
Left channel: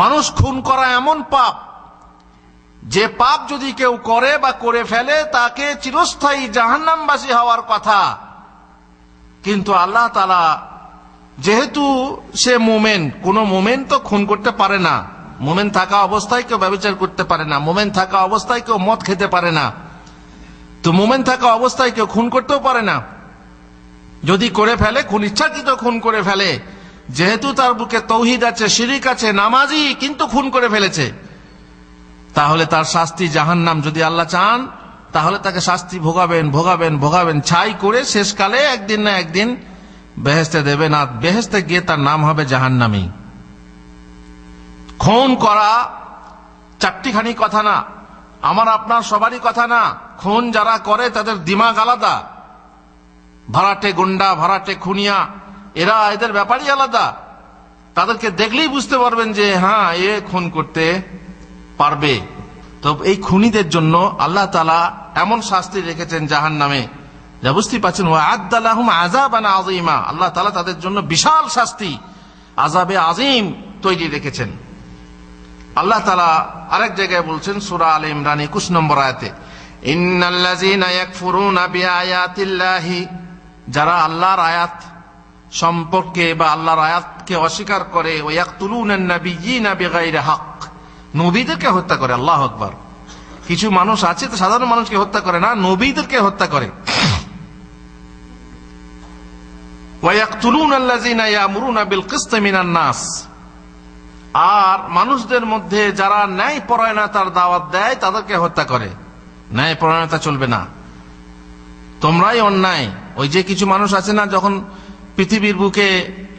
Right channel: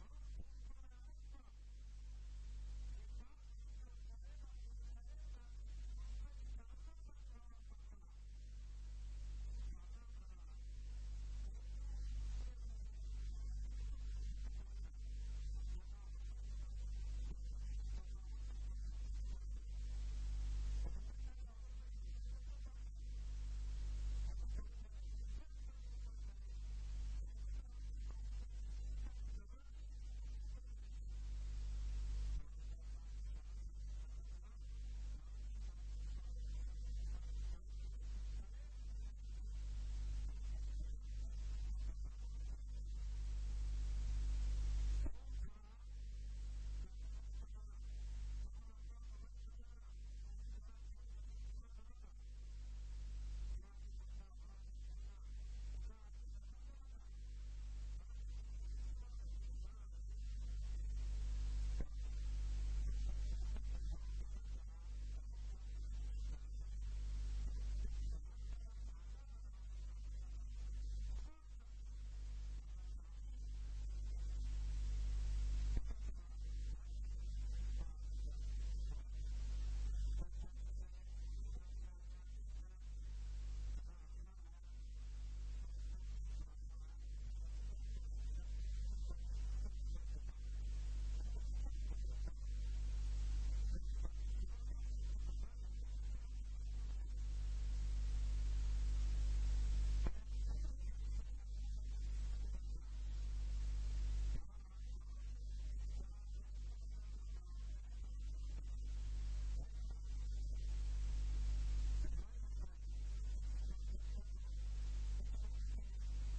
মানুষ খুন করা এমন পাপ যে পাপ যদি কেউ করে বা করে ফেলে তাকে চিরস্থায়ী জাহান্নামবাসী হওয়ার কথা। কিন্তু আল্লাহ তাআলা যেহেতু সে মুমিন, কোন মুমিন তো খুন করতে পারে না। মুমিন থাকা অবস্থায় কেউ ব্যভিচার করতে পারে না, মুমিন থাকা অবস্থায় কেউ মদ খেতে পারে না, তো মুমিন থাকা অবস্থায় কেউ খুন করতেও পারে না। যদি করে ফেলে, খুন ইচ্ছাকৃত খুন করে ফেলে, যেহেতু তার বুকে তাওহীদ আছে, শিরক আছে, নামাজি, কিন্তু খুন করে ফেলেছে, তাহলে তার শাস্তি জাহান্নাম। যদি আল্লাহ চান তাহলে তাকে শাস্তি ভোগাবেন ভোগাবেন ভোগাবেন, ছাই করে শেষকালে একদিন না একদিন বেহেশতে দেবেন, আর বেহেশতে গিয়ে তার নাম হবে জাহান্নামী। খুন করা চারটিখানি কথা না, আমার আপনার সবারই কথা না। খুন যারা করে তাদের দিমাগ আলাদা। ভাড়াটে গুন্ডা, ভাড়াটে খুনিয়া, এদের ব্যাপারই আলাদা। তাদেরকে দেখলেই বুঝতে পারবেন যে হ্যাঁ, এ খুন করতে পারবে। তো এই খুনিদের জন্য আল্লাহ তাআলা এমন শাস্তি রেখেছেন জাহান্নামে, যা বুঝতে পারছেন। ওয়া'আদ্দা লাহুম আযাবান আযীমা, আল্লাহ তাআলা তাদের জন্য বিশাল শাস্তি, আযাবে আযীম তৈরি রেখেছেন। আল্লাহ তাআলা আরেক জায়গায় বলছেন সূরা আলে ইমরান 21 নম্বর আয়াতে, ইন্নাল্লাযীনা ইয়াকফুরুনা বিআয়াতিল্লাহি, যারা আল্লাহর আয়াত সম্পর্কে বা আল্লাহর আয়াতকে অস্বীকার করে, ওয়ায়াকতুলুনান নাবিয়্যিনা বিগাইরি হক, নবীদেরকে হত্যা করে। আল্লাহু আকবার। কিছু মানুষ আছে তো সাধারণ মানুষকে হত্যা করে না, নবীদেরকে হত্যা করে। ওয়ায়াকতুলুনাল্লাযীনা ইয়ামুরুনা বিল কিসতি মিনান নাস, আর মানুষদের মধ্যে যারা ন্যায় পরায়ণতার দাওয়াত দেয় তাদেরকে হত্যা করে। ন্যায় পরায়ণতা চলবে না, তোমরাই অন্যায়। ওই যে কিছু মানুষ আছে না, যখন পৃথিবীর বুকে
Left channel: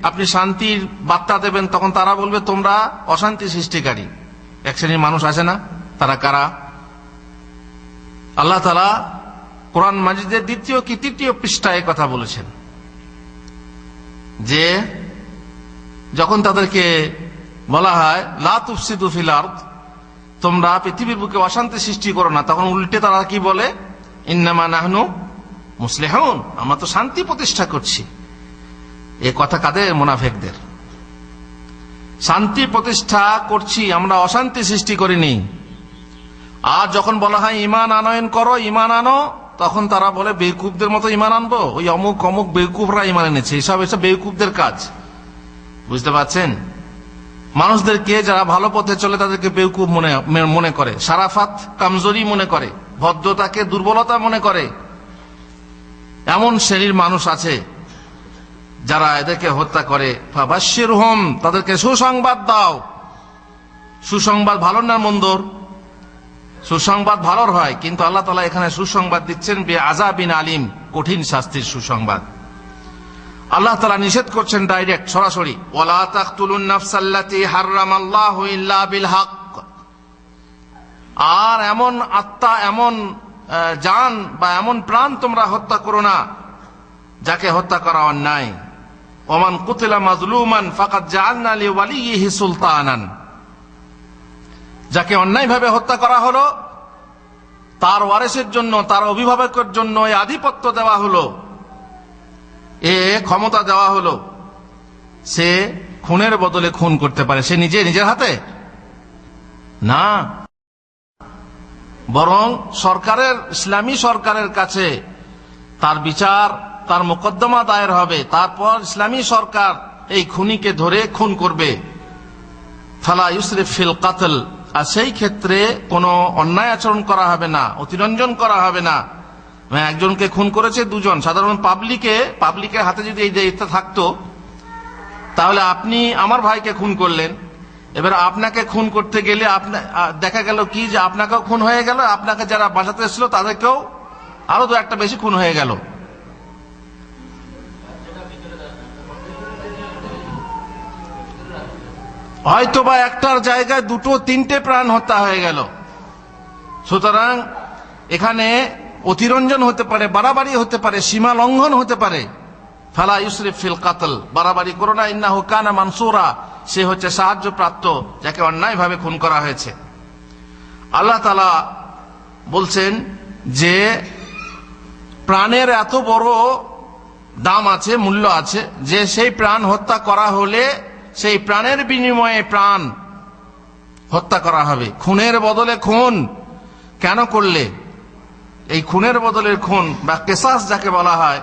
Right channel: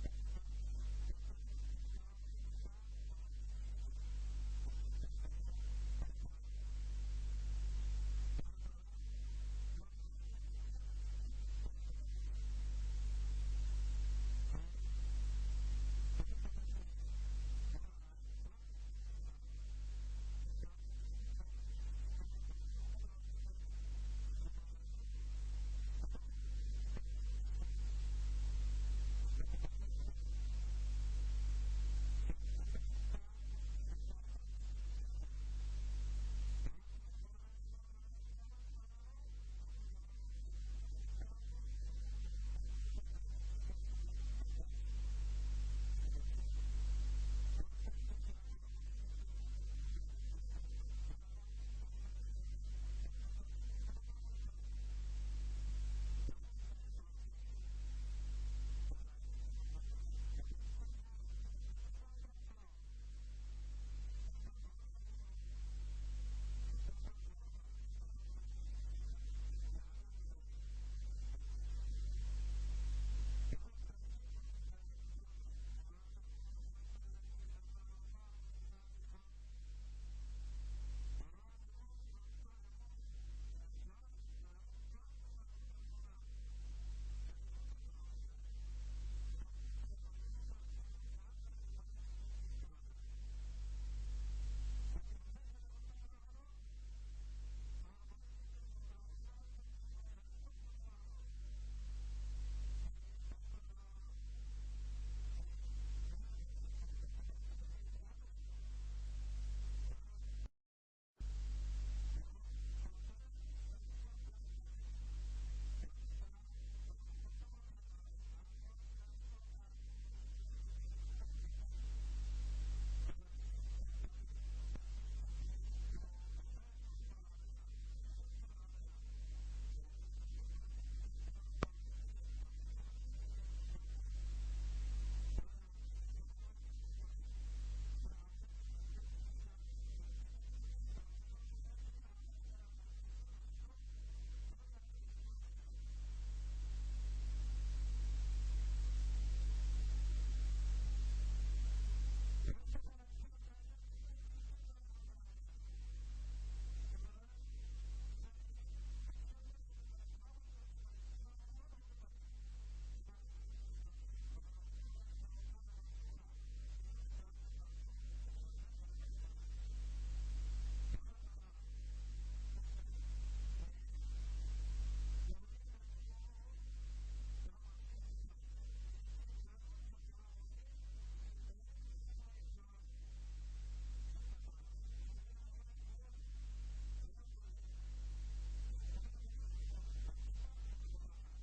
আপনি শান্তির বার্তা দেবেন তখন তারা বলবে তোমরা অশান্তি সৃষ্টিকারী। এক শ্রেণীর মানুষ আছে না, তারা কারা? আল্লাহ তাআলা কোরআন মাজিদের 2য় কি 3য় পৃষ্ঠায় কথা বলেছেন যে যখন তাদেরকে বলা হয় লা তুফসিদু ফিল আরদ, তোমরা পৃথিবীর বুকে অশান্তি সৃষ্টি করো না, তখন উল্টে তারা কি বলে? ইন্নামা নাহনু মুসলিহুন, আমরা তো শান্তি প্রতিষ্ঠা করছি। এ কথা কাদের? মুনাফিকদের। শান্তি প্রতিষ্ঠা করছি আমরা, অশান্তি সৃষ্টি করিনি। আর যখন বলা হয় ঈমান আনয়ন করো, ঈমান আনো, তখন তারা বলে বেকুবদের মতো ঈমান আনবো, ওই অমুক অমুক বেকুবরা ঈমান এনেছে। এসব বেকুবদের কাজ, বুঝতে পারছেন? মানুষদেরকে যারা ভালো পথে চলে তাদেরকে বেকুব মনে করে, শারাফাত কামজোরি মনে করে, ভদ্রতাকে দুর্বলতা মনে করে। এমন শ্রেণীর মানুষ আছে যারা এদেরকে হত্যা করে। ফাবাশশিরহুম, তাদেরকে সুসংবাদ দাও। সুসংবাদ ভালো না মন্দর? সুসংবাদ ভালোর হয়, কিন্তু আল্লাহ তাআলা এখানে সুসংবাদ দিচ্ছেন বিআযাবিন আলিম, কঠিন শাস্তির সুসংবাদ। আল্লাহ তাআলা নিষেধ করছেন ডাইরেক্ট, সরাসরি, ওয়ালা তাকতুলুন নাফসাল্লাতী হারামাল্লাহু ইল্লা বিল হক। আর এমন আত্মা, এমন জান বা এমন প্রাণ তোমরা হত্যা করো না যাকে হত্যা করা অন্যায়। ওমান কুতিলা মাজলুমান ফাকাদ জাআলনা লিওয়ালিয়িহি সুলতানান, যাকে অন্যায়ভাবে হত্যা করা হলো তার ওয়ারিসের জন্য, তার অভিভাবকের জন্য এই আধিপত্য দেওয়া হলো, এ ক্ষমতা দেওয়া হলো। সে খুনের বদলে খুন করতে পারে। সে নিজের হাতে না, বরং সরকারের, ইসলামী সরকারের কাছে তার বিচার, তার মোকদ্দমা দায়ের হবে। তারপর ইসলামী সরকার এই খুনিকে ধরে খুন করবে। ফালা ইউসরিফ ফিল কাতল, আর সেই ক্ষেত্রে কোনো অন্যায় আচরণ করা হবে না, অতিরঞ্জন করা হবে না। একজনকে খুন করেছে দুজন, সাধারণ পাবলিকের হাতে যদি এই দায়িত্ব থাকতো, তাহলে আপনি আমার ভাইকে খুন করলেন, এবার আপনাকে খুন করতে গেলে দেখা গেল কি যে আপনাকেও খুন হয়ে গেল, আপনাকে যারা বাঁচাতে এসেছিল তাদেরকেও আরো 2-1টা বেশি খুন হয়ে গেল। হয়তোবা একটার জায়গায় 2-3টে প্রাণ হত্যা হয়ে গেল। সুতরাং এখানে অতিরঞ্জন হতে পারে, বাড়াবাড়ি হতে পারে, সীমা লঙ্ঘন হতে পারে। ফালা ইউসরিফ ফিল কাতল, বাড়াবাড়ি করো না, ইন্নাহু কানা মানসুরা, সে হচ্ছে সাহায্যপ্রাপ্ত যাকে অন্যায়ভাবে খুন করা হয়েছে। আল্লাহ তাআলা বলছেন যে প্রাণের এত বড় দাম আছে, মূল্য আছে, যে সেই প্রাণ হত্যা করা হলে সেই প্রাণের বিনিময়ে প্রাণ হত্যা করা হবে। খুনের বদলে খুন কেন করলে? এই খুনের বদলের খুন বা কিসাস যাকে বলা হয়,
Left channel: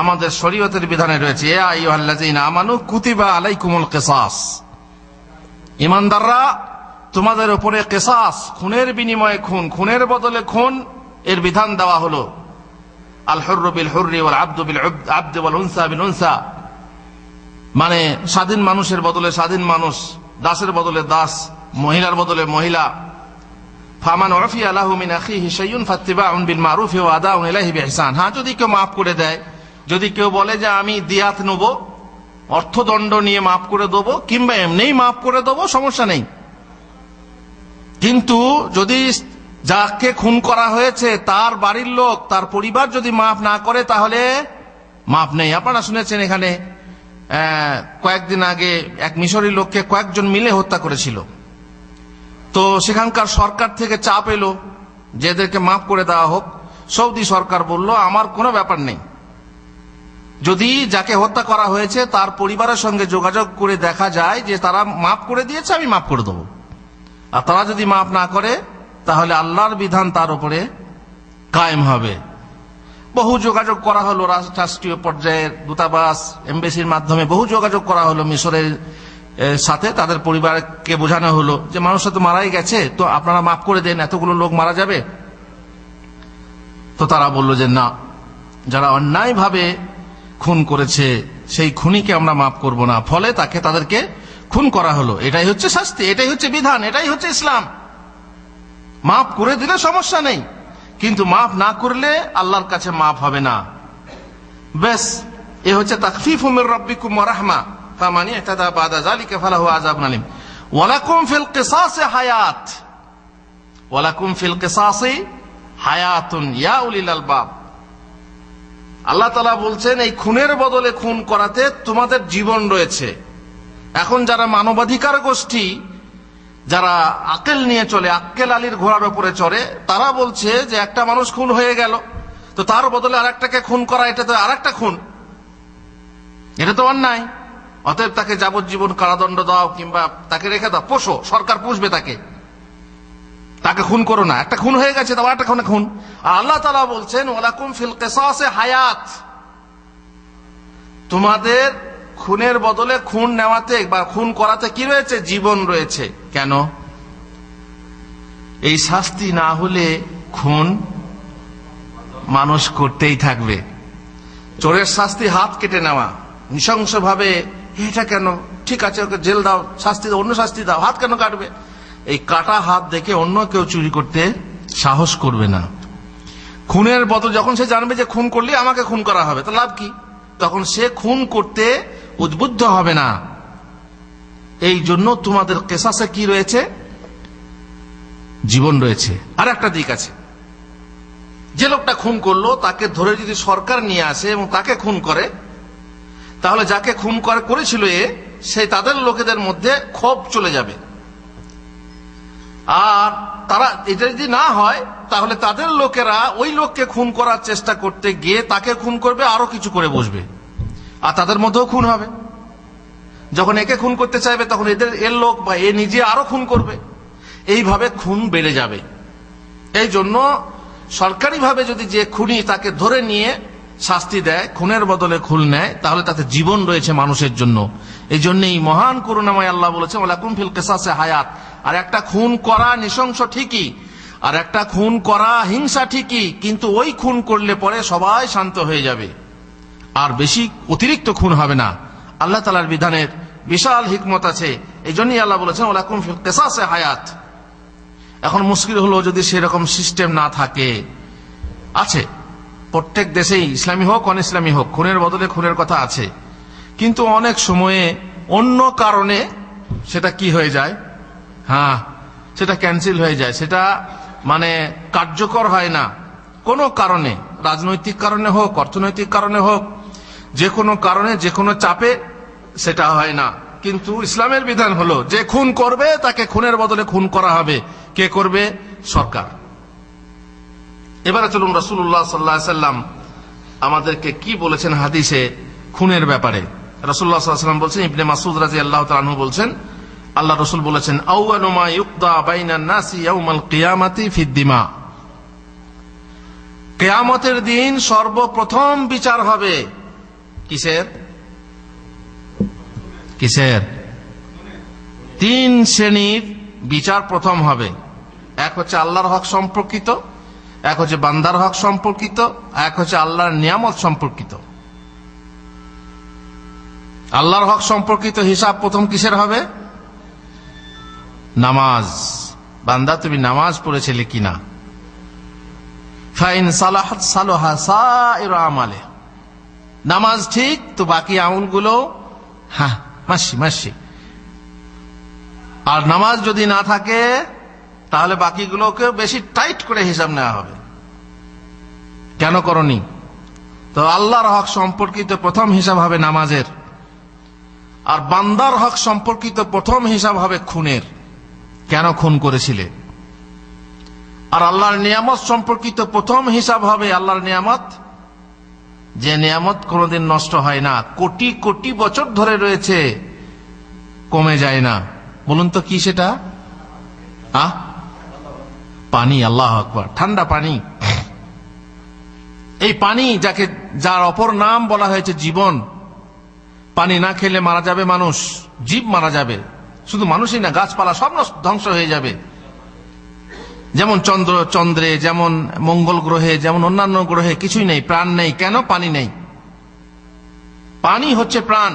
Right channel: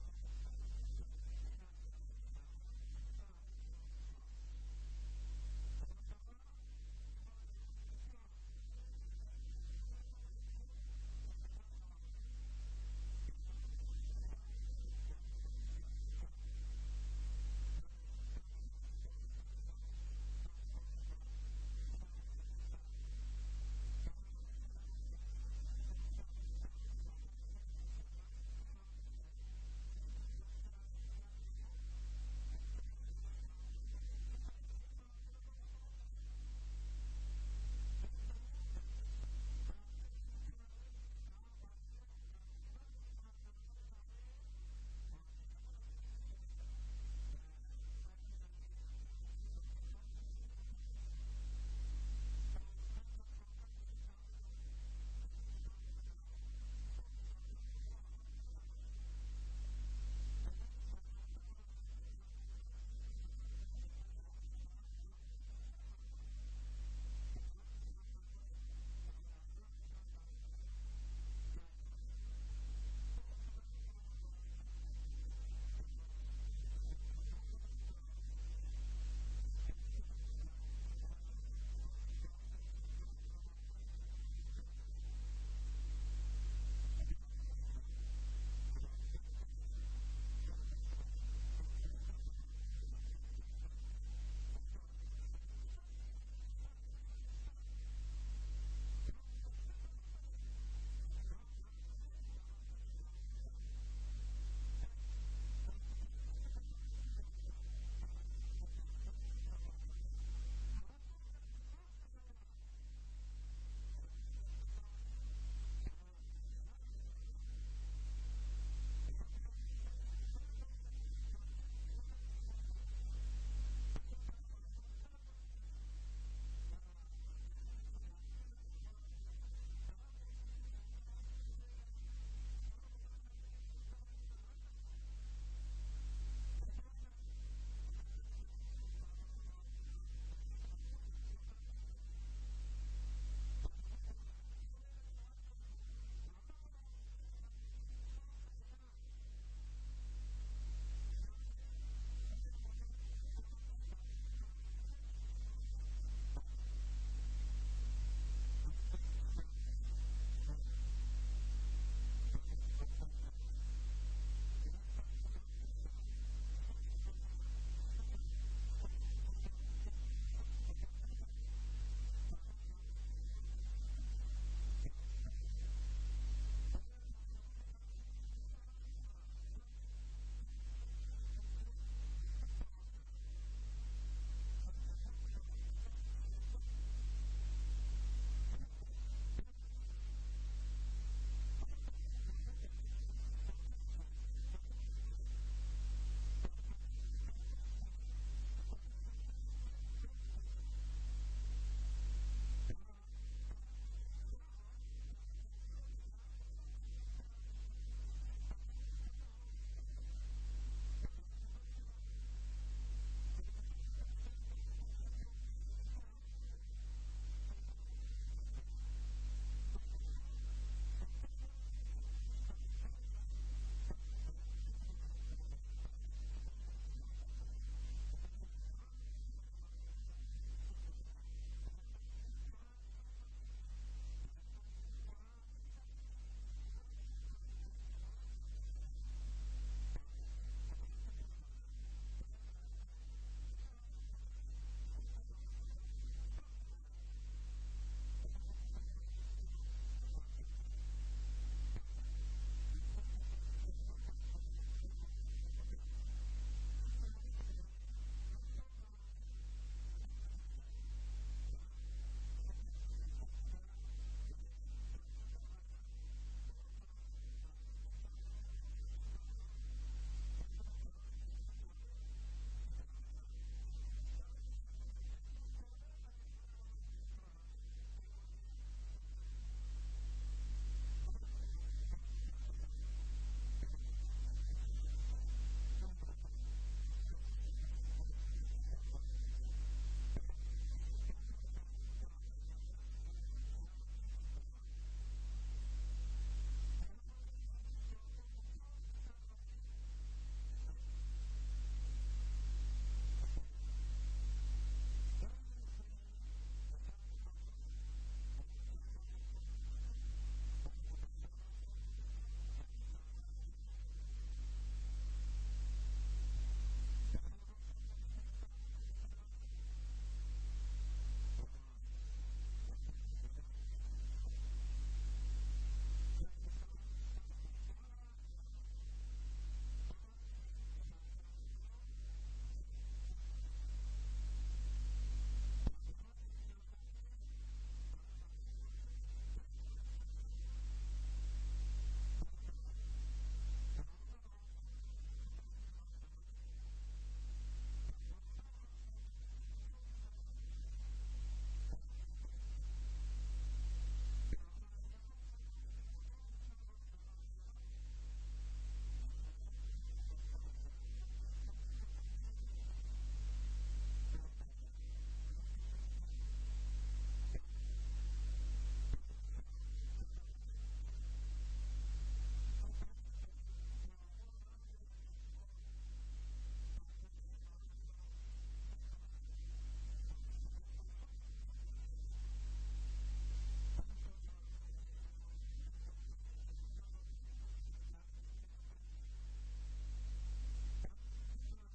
আমাদের শরীয়তের বিধানে রয়েছে, ইয়া আইয়ুহাল্লাযীনা আমানু কুতিবা আলাইকুমুল কিসাস, ঈমানদাররা তোমাদের উপরে কিসাস, খুনের বিনিময়ে খুন, খুনের বদলে খুন এর বিধান দেওয়া হলো। আল হুররু বিল হুররি ওয়াল আবদু বিল আবদি ওয়াল উনসা বিল উনসা, মানে স্বাধীন মানুষের বদলে স্বাধীন মানুষ, দাসের বদলে দাস, মহিলার বদলে মহিলা। ফামান উফিয়া লাহু মিন আখিহি শাইউন ফাত্তিবাউন বিল মারুফ ওয়া আদাউন ইলাইহি বিইহসান। হ্যাঁ, যদি কেউ মাফ করে দেয়, যদি কেউ বলে যে আমি দিয়াত নেব, অর্থদণ্ড নিয়ে মাফ করে দেবো, কিংবা এমনিই মাফ করে দেবো, সমস্যা নেই। কিন্তু যদি যাকে খুন করা হয়েছে তার বাড়ির লোক, তার পরিবার যদি মাফ না করে, তাহলে মাফ নেই। আপনারা শুনেছেন এখানে কয়েকদিন আগে এক মিশরী লোককে কয়েকজন মিলে হত্যা করেছিল। তো সেখানকার সরকার থেকে চাপ এলো যে এদেরকে মাফ করে দেওয়া হোক। সৌদি সরকার বলল আমার কোনো ব্যাপার নেই, যদি যাকে হত্যা করা হয়েছে তার পরিবারের সঙ্গে যোগাযোগ করে দেখা যায় যে তারা মাফ করে দিয়েছে, আমি মাফ করে দেবো। আর তারা যদি মাফ না করে তাহলে আল্লাহর বিধান তার উপরে কায়েম হবে। বহু যোগাযোগ করা হলো, রাষ্ট্রীয় পর্যায়ের দূতাবাস এমবেসির মাধ্যমে বহু যোগাযোগ করা হলো মিশরের সাথে। তাদের পরিবারকে বোঝানো হলো যে মানুষটা তো মারাই গেছে, তো আপনারা মাফ করে দেন, এতগুলো লোক মারা যাবে। তো তারা বলল যে না, যারা অন্যায়ভাবে খুন করেছে সেই খুনিকে আমরা মাফ করব না। ফলে তাদেরকে খুন করা হলো। এটাই হচ্ছে শাস্তি, এটাই হচ্ছে বিধান, এটাই হচ্ছে ইসলাম। মাফ করে দিলে সমস্যা নেই, কিন্তু মাফ না করলে আল্লাহর কাছে মাফ হবে না। বেশ, এ হচ্ছে তাখফীফু মির রাব্বিকুম ওয়া রাহমা ফামান ইতাদা বাদা যালিকা ফালাহু আযাবুন আলীম। ওয়ালাকুম ফিল কিসাসি হায়াত, ওয়ালাকুম ফিল কিসাসি হায়াতুন ইয়া উলিল আলবাব। আল্লাহ তাআলা বলছেন এই খুনের বদলে খুন করাতে তোমাদের জীবন রয়েছে। এখন যারা মানবাধিকার গোষ্ঠী, যারা আকেল নিয়ে চলে, আক্কেল আলীর ঘোড়ার উপরে চড়ে, তারা বলছে যে একটা মানুষ খুন হয়ে গেল, তো তার বদলে আরেকটাকে খুন করা, এটা তো আরেকটা খুন, এটা তো অন্যায়। অতএব তাকে যাবজ্জীবন কারাদণ্ড দাও কিংবা তাকে রেখে দাও, পোষো, সরকার পুষবে তাকে খুন করো না। একটা খুন হয়ে গেছে, তাও একটা খুন। আর আল্লাহ তাআলা বলছেন ওয়ালাকুম ফিল কিসাসি হায়াত, তোমাদের খুনের বদলে খুন নেওয়াতে বা খুন করাতে কি রয়েছে? জীবন রয়েছে। কেন? এই শাস্তি না হলে খুন মানুষ করতেই থাকবে। চোরের শাস্তি হাত কেটে নেওয়া, নৃশংসভাবে, এটা কেন? ঠিক আছে, ওকে জেল দাও, শাস্তি দাও, অন্য শাস্তি দাও, হাত কেন কাটবে? এই কাটা হাত দেখে অন্য কেউ চুরি করতে সাহস করবে না। খুনের বদল যখন সে জানবে যে খুন করলে আমাকে খুন করা হবে, তো লাভ কি? তখন সে খুন করতে উদ্বুদ্ধ হবে না। এই জন্য তোমাদের কিসাসে কি রয়েছে? জীবন রয়েছে। আর একটা দিক আছে, যে লোকটা খুন করলো তাকে ধরে যদি সরকার নিয়ে আসে এবং তাকে খুন করে, তাহলে যাকে খুন করেছিল সেই তাদের লোকেদের মধ্যে ক্ষোভ চলে যাবে। আর তারা এটা যদি না হয়, তাহলে তাদের লোকেরা ওই লোককে খুন করার চেষ্টা করতে গিয়ে তাকে খুন করবে, আরো কিছু করে বসবে, আর তাদের মধ্যেও খুন হবে। যখন একে খুন করতে চাইবে, তখন এর লোক বা এ নিজে আরো খুন করবে। এইভাবে খুন বেড়ে যাবে। এই জন্য সরকারিভাবে যদি যে খুনি তাকে ধরে নিয়ে শাস্তি দেয়, খুনের বদলে খুন নেয়, তাহলে তাতে জীবন রয়েছে মানুষের জন্য। এই জন্যই মহান করুণাময় আল্লাহ বলেছেন ওয়ালাকুম ফিল কিসাসি হায়াত। আর একটা খুন করা নৃশংস ঠিকই, আর একটা খুন করা হিংসা ঠিকই, কিন্তু ওই খুন করলে পরে সবাই শান্ত হয়ে যাবে, আর বেশি অতিরিক্ত খুন হবে না। আল্লাহ তাআলার বিধানের বিশাল হিকমত আছে। এই জন্যই আল্লাহ বলেছেন ওয়ালাকুম ফিল কিসাসি হায়াত। এখন মুশকিল হলো যদি সেরকম সিস্টেম না থাকে। আছে প্রত্যেক দেশেই, ইসলামী হোক অন ইসলামী হোক, খুনের বদলে খুনের কথা আছে, কিন্তু অনেক সময়ে অন্য কারণে সেটা কি হয়ে যায়, সেটা ক্যান্সেল হয়ে যায়, সেটা মানে কার্যকর হয় না। কোনো কারণে, রাজনৈতিক কারণে হোক, অর্থনৈতিক কারণে হোক, যে কোনো কারণে, যে কোনো চাপে সেটা হয় না। কিন্তু ইসলামের বিধান হলো যে খুন করবে তাকে খুনের বদলে খুন করা হবে। কে করবে? সরকার। এবারে চলুন রাসূলুল্লাহ সাল্লাল্লাহু আলাইহি সাল্লাম আমাদেরকে কি বলেছেন হাদিসে খুনের ব্যাপারে। রাসূলুল্লাহ সাল্লাল্লাহু আলাইহি সাল্লাম বলছেন, ইবনে মাসউদ রাদিয়াল্লাহু তাআলা আনহু বলছেন, আল্লাহ রাসূল বলেছেন আউয়ালু মা ইউকদা বাইনান নাসি ইয়াউমাল কিয়ামাতি ফিদ দিমা। কিয়ামতের দিন সর্বপ্রথম বিচার হবে কিসের? তিন শ্রেণীর বিচার প্রথম হবে। এক হচ্ছে আল্লাহর হক সম্পর্কিত, এক হচ্ছে বান্দার হক সম্পর্কিত, এক হচ্ছে আল্লাহর নিয়ামত সম্পর্কিত। আল্লাহর হক সম্পর্কিত হিসাব প্রথম কিসের হবে? নামাজ। বান্দা তুমি নামাজ পড়েছিলে কিনা? ফাইন সালাহাত সালাহা সাইরু আমালে। নামাজ ঠিক তো বাকি আমলগুলো মাসি। আর নামাজ যদি না থাকে তাহলে বাকিগুলোকে বেশি টাইট করে হিসাব নেওয়া হবে। কেন করনি? তো আল্লাহর হক সম্পর্কিত প্রথম হিসাব হবে নামাজের, আর বান্দার হক সম্পর্কিত প্রথম হিসাব হবে খুনের। কেন খুন করেছিলে? আর আল্লাহর নিয়ামত সম্পর্কিত প্রথম হিসাব হবে আল্লাহর নিয়ামত, যে নিয়ামত কোনোদিন নষ্ট হয় না, কোটি কোটি বছর ধরে রয়েছে, কমে যায় না। বলুন তো কি সেটা? পানি। আল্লাহু আকবার। ঠান্ডা পানি। এই পানি যার অপর নাম বলা হয়েছে জীবন, পানি না খেলে মারা যাবে মানুষ, জীব মারা যাবে, শুধু মানুষই না গাছপালা সব ধ্বংস হয়ে যাবে। যেমন চন্দ্রে, যেমন মঙ্গল গ্রহে, যেমন অন্যান্য গ্রহে কিছুই নেই, প্রাণ নেই। কেন? পানি নেই। পানি হচ্ছে প্রাণ।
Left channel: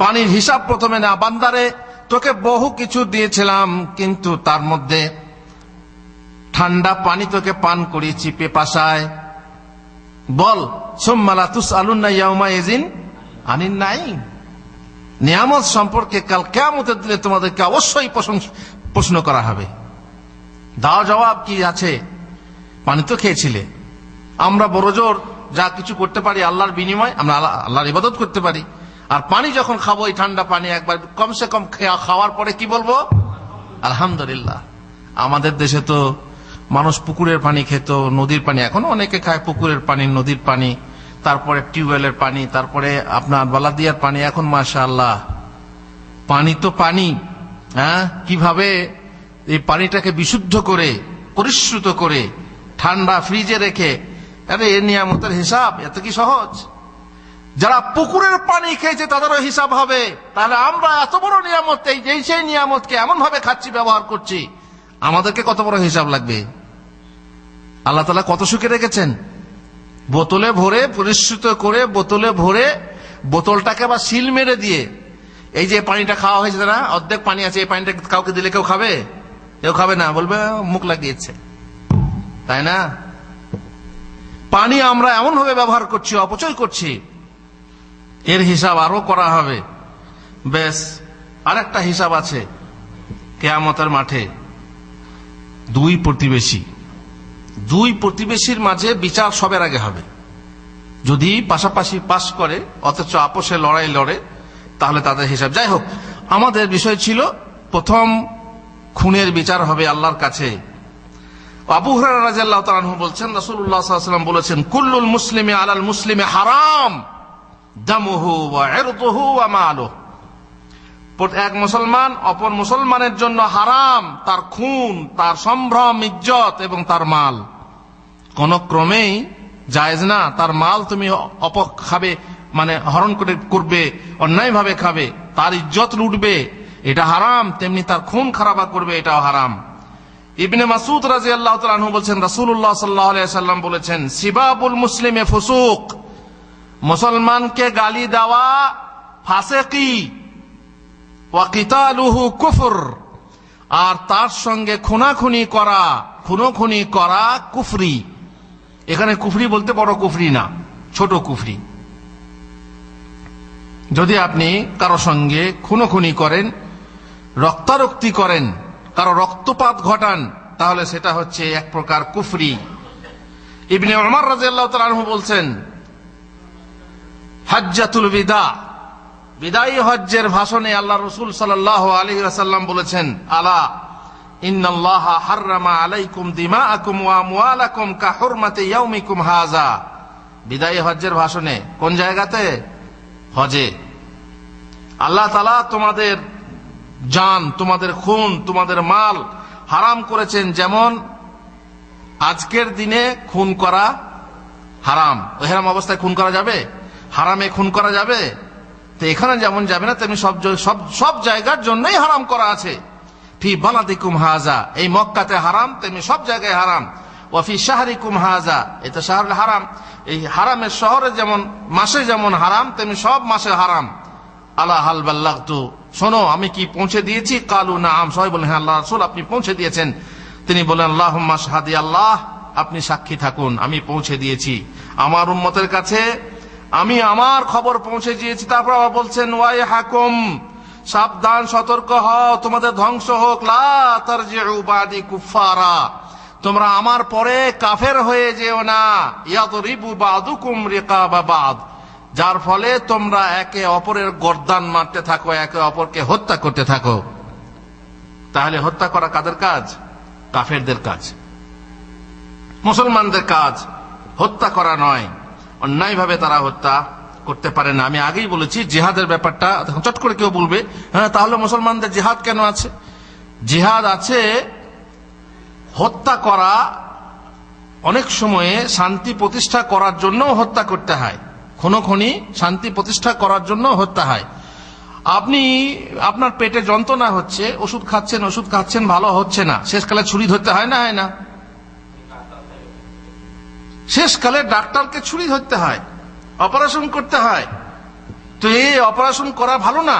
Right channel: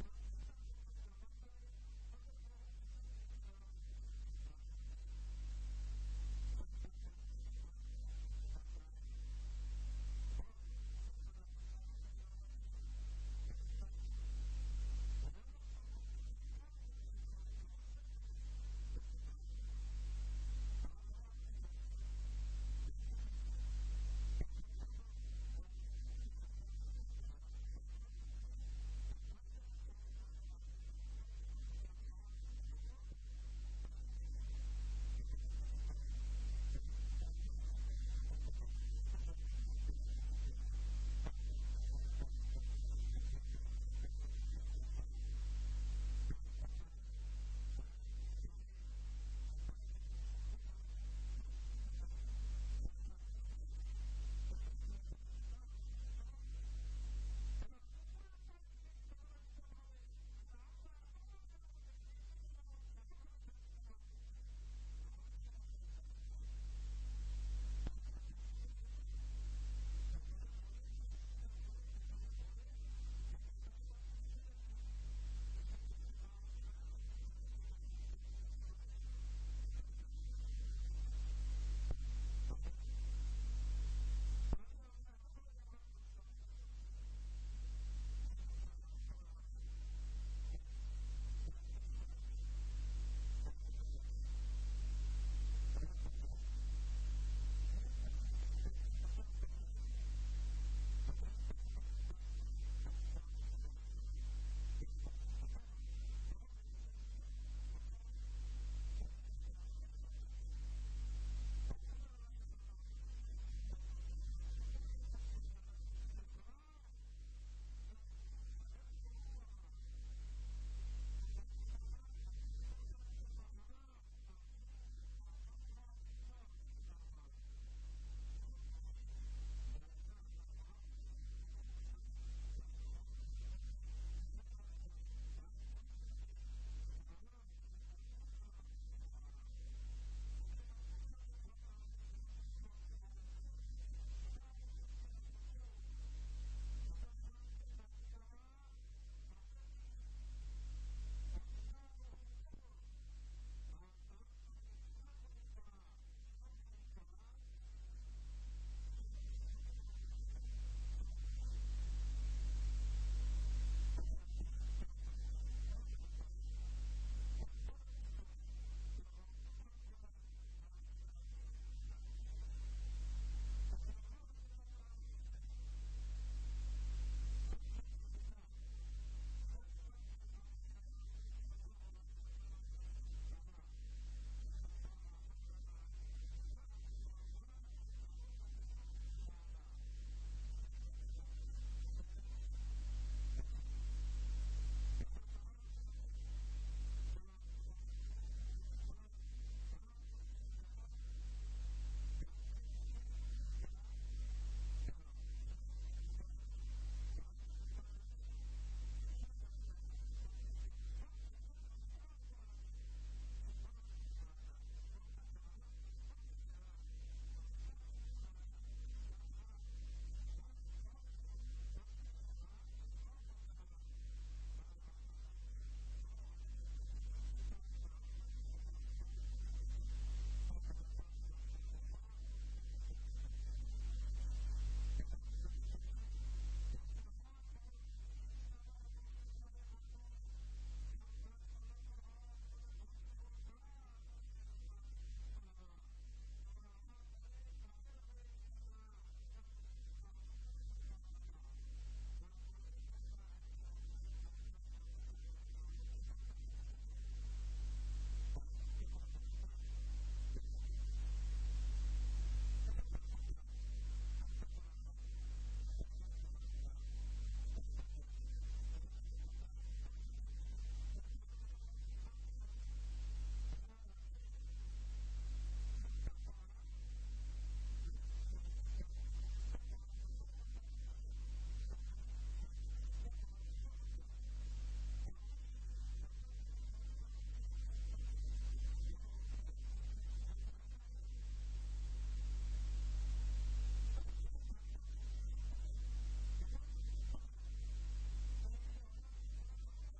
পানির হিসাব প্রথমে না। বান্দারে তোকে বহু কিছু দিয়েছিলাম, কিন্তু তার মধ্যে ঠান্ডা পানি তোকে পান করিয়েছি পেপাসায়। বল সুম্মা লা তুসআলুনা ইয়াউমা ইযিন আনিন নাঈম। নিয়ামত সম্পর্কে কাল কিয়ামতের দিনে তোমাদেরকে অবশ্যই প্রশ্ন করা হবে। দাও জবাব কি আছে? পানি তো খেয়েছিলে। আমরা বড় জোর যা কিছু করতে পারি আল্লাহর বিনিময়, আমরা আল্লাহর ইবাদত করতে পারি। আর পানি যখন খাবো, এই ঠান্ডা পানি একবার কমসে কম খাওয়ার পরে কি বলবো? আলহামদুলিল্লাহ। আমাদের দেশে তো মানুষ পুকুরের পানি খেত, নদীর পানি, এখনো অনেকে খায় পুকুরের পানি, নদীর পানি, তারপরে টিউবওয়েলের পানি, তারপরে আপনার বালাদিয়ার পানি। এখন মাশাআল্লাহ পানি তো পানি। হ্যাঁ, কিভাবে এই পানিটাকে বিশুদ্ধ করে, পরিশ্রুত করে, ঠান্ডা ফ্রিজে রেখে, আরে এ নিয়ামতের হিসাব এত কি সহজ? যারা পুকুরের পানি খেয়েছে তাদেরও হিসাব হবে। তাহলে আমরা এত বড় নিয়ামত, সেই নিয়ামতকে এমন ভাবে খাচ্ছি, ব্যবহার করছি, আমাদেরকে কত বড় হিসাব লাগবে? আল্লাহ তাআলা কত সুখে রেখেছেন। বোতলে ভরে, পরিশ্রুত করে বোতলে ভরে, বোতলটাকে আবার সিল মেরে দিয়ে, এই যে পানিটা খাওয়া হয়েছে না, অর্ধেক পানি আছে, এই পানিটা কাউকে দিলে কেউ খাবে? কেউ খাবে না, বলবে মুখ লাগিয়েছে, তাই না? পানি আমরা এমন ভাবে ব্যবহার করছি, অপচয় করছি, এর হিসাব আরো করা হবে। বেশ, আরেকটা হিসাব আছে কিয়ামতের মাঠে। দুই প্রতিবেশীর মাঝে বিচার সবের আগে হবে। যদি পাশাপাশি পাশ করে অথচ আপোষে লড়াই লড়ে, তাহলে তাদের হিসাব। যাই হোক, আমাদের বিষয় ছিল প্রথম খুনের বিচার হবে আল্লাহর কাছে। আবু হুরায়রা রাদিয়াল্লাহু তাআলা আনহু বলছেন, রাসূলুল্লাহ সাল্লাল্লাহু আলাইহি ওয়াসাল্লাম বলেছেন, কুল্লুল মুসলিমি আলাল মুসলিমি হারাম দামুহু ওয়া ইরদুহু ওয়া মালুহু। এক মুসলমান অপর মুসলমানের জন্য হারাম তার খুন, তার সম্ভ্রম, ইজ্জত এবং তার মাল। কোন ক্রমেই জায়েজ না তার মাল তুমি খাবে, মানে হরণ করবে, অন্যায় ভাবে খাবে, তার ইজ্জত লুটবে, এটা হারাম। তেমনি তার খুন খারাপা করবে, এটাও হারাম। ইবনে মাসউদ রাদিয়াল্লাহু তাআলা আনহু বলেছেন, রাসূলুল্লাহ সাল্লাল্লাহু আলাইহি ওয়াসাল্লাম বলেছেন, সিবাবুল মুসলিমে ফুসুক, মুসলমানকে গালি দেওয়া ফাসিকি, ওয়া কিতালুহু কুফর, আর তার সঙ্গে খুনাখুনি করা কুফরি। এখানে কুফরি বলতে বড় কুফরি না, ছোট কুফরি। যদি আপনি কারো সঙ্গে খুনোখুনি করেন, রক্তারক্তি করেন, কারো রক্তপাত ঘটান, তাহলে সেটা হচ্ছে এক প্রকার কুফরি। ইবনে উমর রাদিয়াল্লাহু তাআলা আনহু বলছেন, হজ্জাতুল বিদা, বিদায়ী হজ্জের ভাষণে আল্লাহ রাসূল সাল্লাল্লাহু আলাইহি ওয়াসাল্লাম বলেছেন, আলা ইন্নাল্লাহা হাররামা আলাইকুম দিমাআকুম ওয়া আমওয়ালাকুম কা হুরমাতি ইয়াউমিকুম হাযা। বিদায়ী হজ্জের ভাষণে কোন জায়গাতে? হজে। আল্লাহ তাআলা তোমাদের জান, তোমাদের খুন, তোমাদের মাল হারাম করেছেন। যেমন আজকের দিনে খুন করা হারাম। এহরাম অবস্থায় খুন করা যাবে? হারামে খুন করা যাবে? তো এখানে যেমন যাবে না, তেমনি সব জায়গার জন্যই হারাম করা আছে। ফি বালাদিকুম হাযা, এই মক্কাতে হারাম, তেমনি সব জায়গায় হারাম। ওয়া ফি শাহরিকুম হাযা, এটা শাহরুল হারাম, এই হারামের শহরে যেমন মাসে যেমন হারাম, তেমনি সব মাসে হারাম। আলা হাল বাল্লাগতু, শোনো আমি কি পৌঁছে দিয়েছি? কালু নাআম, সবাই বলেন হ্যাঁ আল্লাহ রাসূল আপনি পৌঁছে দিয়েছেন। তিনি বলেন, আল্লাহুম্মা শাহাদি, আল্লাহ আপনি সাক্ষী থাকুন, আমি পৌঁছে দিয়েছি আমার উম্মতের কাছে, আমি আমার খবর পৌঁছে দিয়েছি। তারপর আবার বলছেন, ওয়াইহাকুম, সাবধান, সতর্ক হও, তোমাদের ধ্বংস হোক। লা তারজিউ বাদি কুফারা, তোমরা আমার পরে কাফের হয়ে যেও না। ইয়াদরিবু বাদুকুম রিকাবা বাদ, যার ফলে তোমরা একে অপরের গর্দান মারতে থাকো, একে অপরকে হত্যা করতে থাকো। তাহলে হত্যা করা কাদের কাজ? কাফেরদের কাজ, মুসলমানদের কাজ হত্যা করা নয়। অন্যায় ভাবে তারা হত্যা করতে পারে না। আমি আগেই বলেছি জিহাদের ব্যাপারটা, চট করে কেউ বলবে হ্যাঁ তাহলে মুসলমানদের জিহাদ কেন আছে? জিহাদ আছে হত্যা করা অনেক সময়ে শান্তি প্রতিষ্ঠা করার জন্য হত্যা করতে হয়, খুনোখুনি শান্তি প্রতিষ্ঠা করার জন্য হত্যা হয়। আপনি আপনার পেটে যন্ত্রণা হচ্ছে, ওষুধ খাচ্ছেন ভালো হচ্ছে না, শেষকালে ছুরি ধরতে হয় না, হয় না? শেষকালে ডাক্তারকে ছুরি ধরতে হয়, অপারেশন করতে হয়। তো এই অপারেশন করা ভালো না,